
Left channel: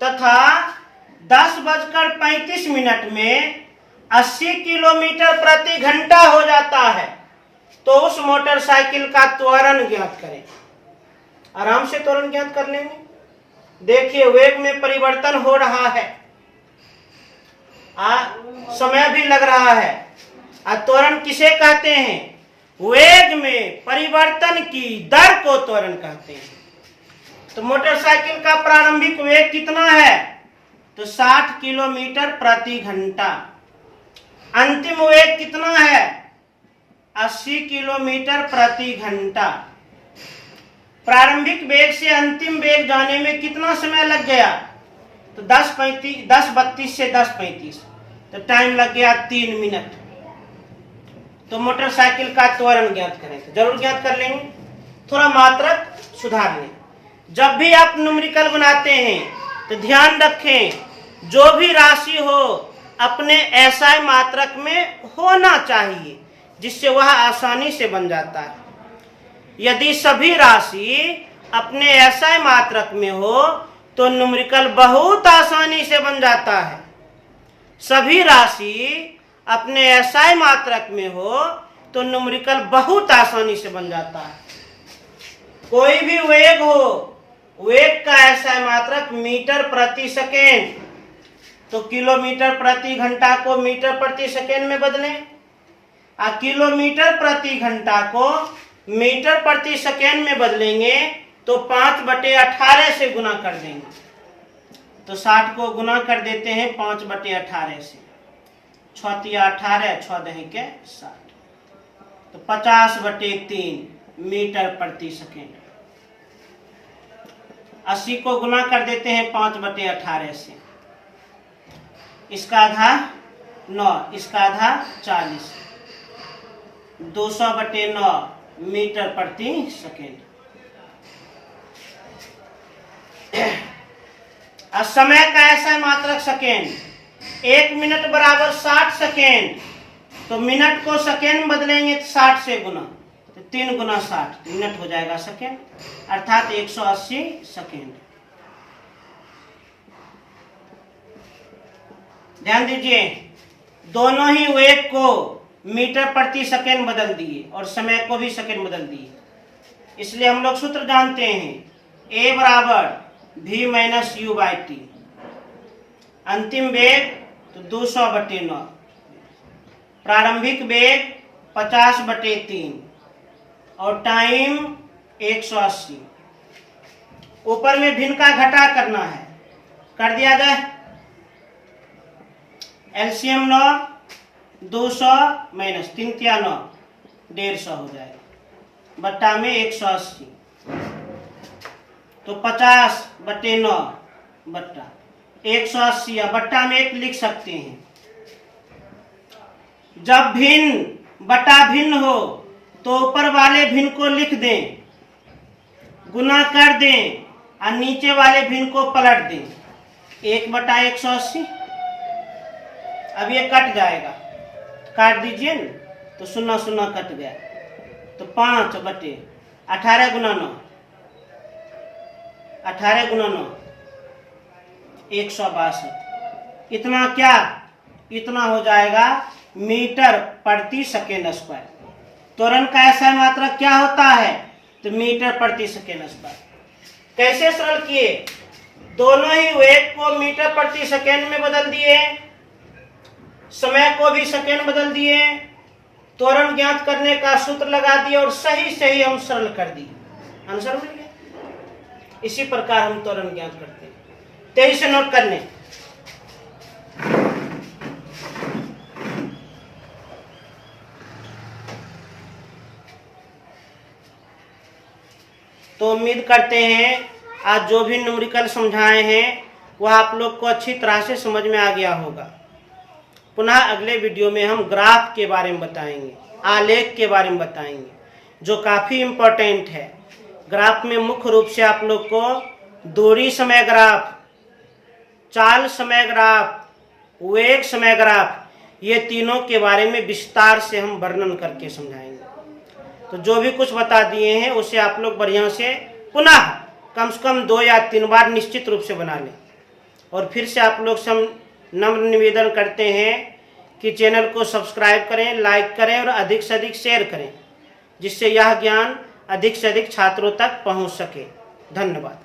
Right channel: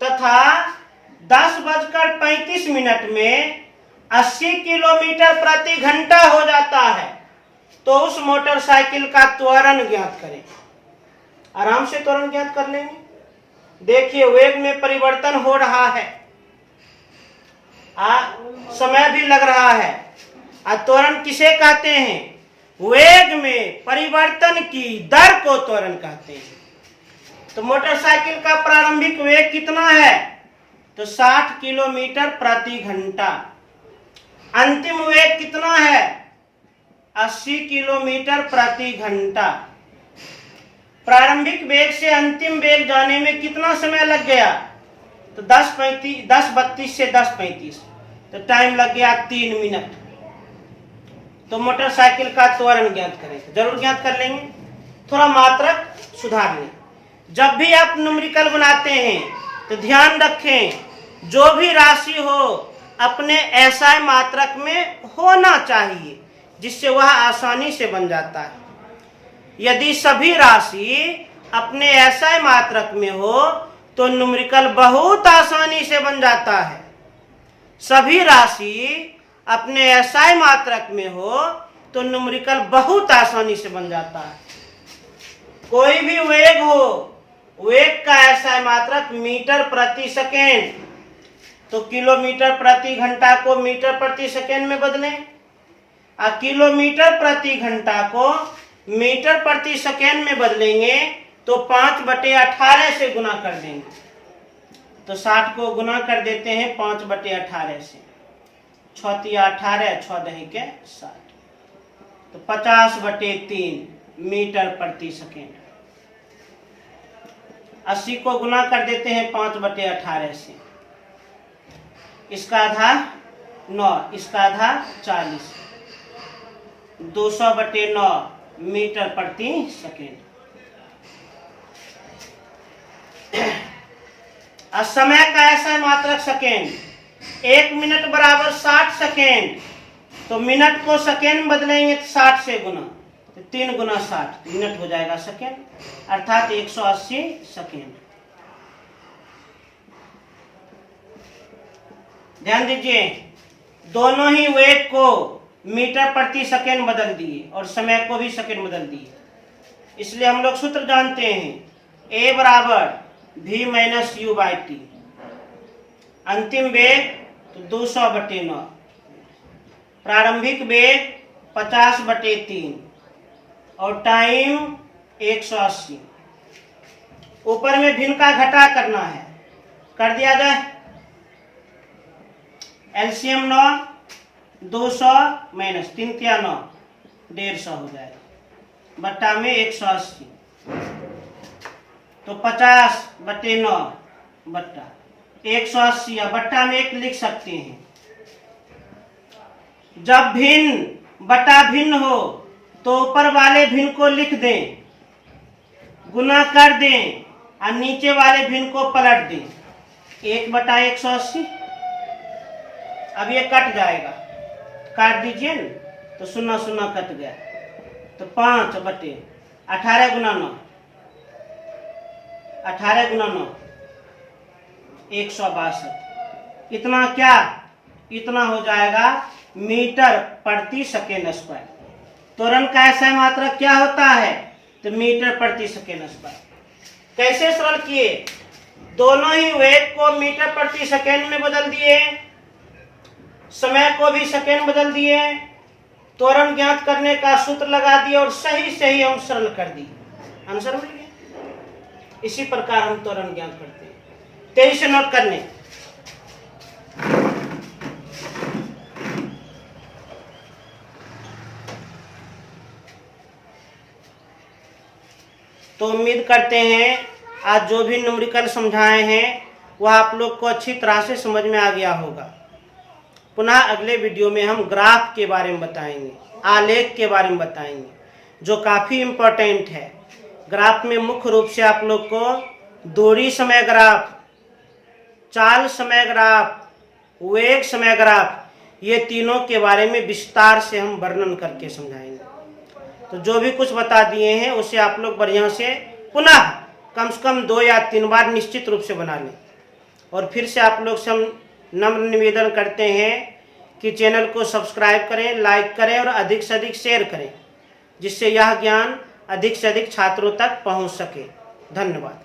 तथा 10:35 में 80 किलोमीटर प्रति घंटा हो जाता है, तो उस मोटरसाइकिल का त्वरण ज्ञात करें। आराम से त्वरण ज्ञात कर लेंगे। देखिए वेग में परिवर्तन हो रहा है, समय भी लग रहा है। त्वरण किसे कहते हैं? वेग में परिवर्तन की दर को त्वरण कहते हैं। तो मोटरसाइकिल का प्रारंभिक वेग कितना है? तो 60 किलोमीटर प्रति घंटा। अंतिम वेग कितना है? 80 किलोमीटर प्रति घंटा। प्रारंभिक वेग से अंतिम वेग जाने में कितना समय लग गया? तो 10:32 से 10:35, तो टाइम लग गया 3 मिनट। तो मोटरसाइकिल का त्वरण ज्ञात करें, तो जरूर ज्ञात कर लेंगे। थोड़ा मात्रक सुधार लें। जब भी आप न्यूमेरिकल बनाते हैं तो ध्यान रखें जो भी राशि हो अपने एसआई मात्रक में होना चाहिए, जिससे वह आसानी से बन जाता है। यदि सभी राशि अपने एसआई मात्रक में हो तो न्यूमेरिकल बहुत आसानी से बन जाता है। सभी राशि अपने एसआई मात्रक में हो तो न्यूमेरिकल बहुत आसानी से बन जाता है। कोई भी वेग हो, वेग का एसआई मात्रक मीटर प्रति सेकेंड, तो किलोमीटर प्रति घंटा को मीटर प्रति सेकेंड में बदलें, और किलोमीटर प्रति घंटा को मीटर प्रति सेकेंड में बदलेंगे तो 5/18 से गुना कर देंगे। तो 60 को गुना कर देते हैं 5/18 से, 6×18, 6×2=60, तो 50/3 मीटर प्रति सेकेंड। 80 को गुना कर देते हैं 5/18 से, इसका आधा 9, इसका आधा 40, 200/9 मीटर प्रति सेकेंड। समय का ऐसा मात्रक सेकेंड, 1 मिनट बराबर 60 सेकेंड, तो मिनट को सेकेंड बदलेंगे तो 60 से गुना, तो 3 × 60 मिनट हो जाएगा सेकेंड, अर्थात 180 सेकेंड। ध्यान दीजिए, दोनों ही वेग को मीटर प्रति सेकेंड बदल दिए और समय को भी सेकेंड बदल दिए। इसलिए हम लोग सूत्र जानते हैं, A बराबर V - U/T। अंतिम वेग तो 200/9, प्रारंभिक वेग 50/3 और टाइम 180। ऊपर में भिन्न का घटा करना है, कर दिया जाए। एलसीएम 9, 200 - 3 × 9, 150 हो जाएगा, बट्टा में 180, तो 50/9 बट्टा 180, या बट्टा में 1 लिख सकते हैं। जब भिन्न बटा भिन्न हो तो ऊपर वाले भिन्न को लिख दें, गुना कर दें और नीचे वाले भिन्न को पलट दें। 1/180, अब ये कट जाएगा, काट दीजिए न, तो 0 0 कट गया, तो 5/18 × 9, 18 × 9 162। इतना क्या? इतना हो जाएगा मीटर प्रति सेकेंड स्क्वायर। त्वरण का ऐसा मात्रक क्या होता है? तो मीटर प्रति सेकेंड स्क्वायर। कैसे सरल किए? दोनों ही वेग को मीटर प्रति सेकेंड में बदल दिए, समय को भी सेकेंड बदल दिए, त्वरण ज्ञात करने का सूत्र लगा दिया और सही सही हम सरल कर दिए। आंसर मिल गया। इसी प्रकार हम त्वरण ज्ञात करते हैं। 23 से नोट करने। तो उम्मीद करते हैं आज जो भी न्यूमेरिकल समझाए हैं वह आप लोग को अच्छी तरह से समझ में आ गया होगा। पुनः अगले वीडियो में हम ग्राफ के बारे में बताएंगे, आलेख के बारे में बताएंगे, जो काफ़ी इम्पोर्टेंट है। ग्राफ में मुख्य रूप से आप लोग को दूरी समय ग्राफ, चाल समय ग्राफ, वेग समय ग्राफ, ये तीनों के बारे में विस्तार से हम वर्णन करके समझाएंगे। तो जो भी कुछ बता दिए हैं उसे आप लोग बढ़िया से पुनः कम से कम 2 या 3 बार निश्चित रूप से बना लें। और फिर से आप लोग से हम नम्र निवेदन करते हैं कि चैनल को सब्सक्राइब करें, लाइक करें और अधिक से अधिक शेयर करें, जिससे यह ज्ञान अधिक से अधिक छात्रों तक पहुंच सके। धन्यवाद।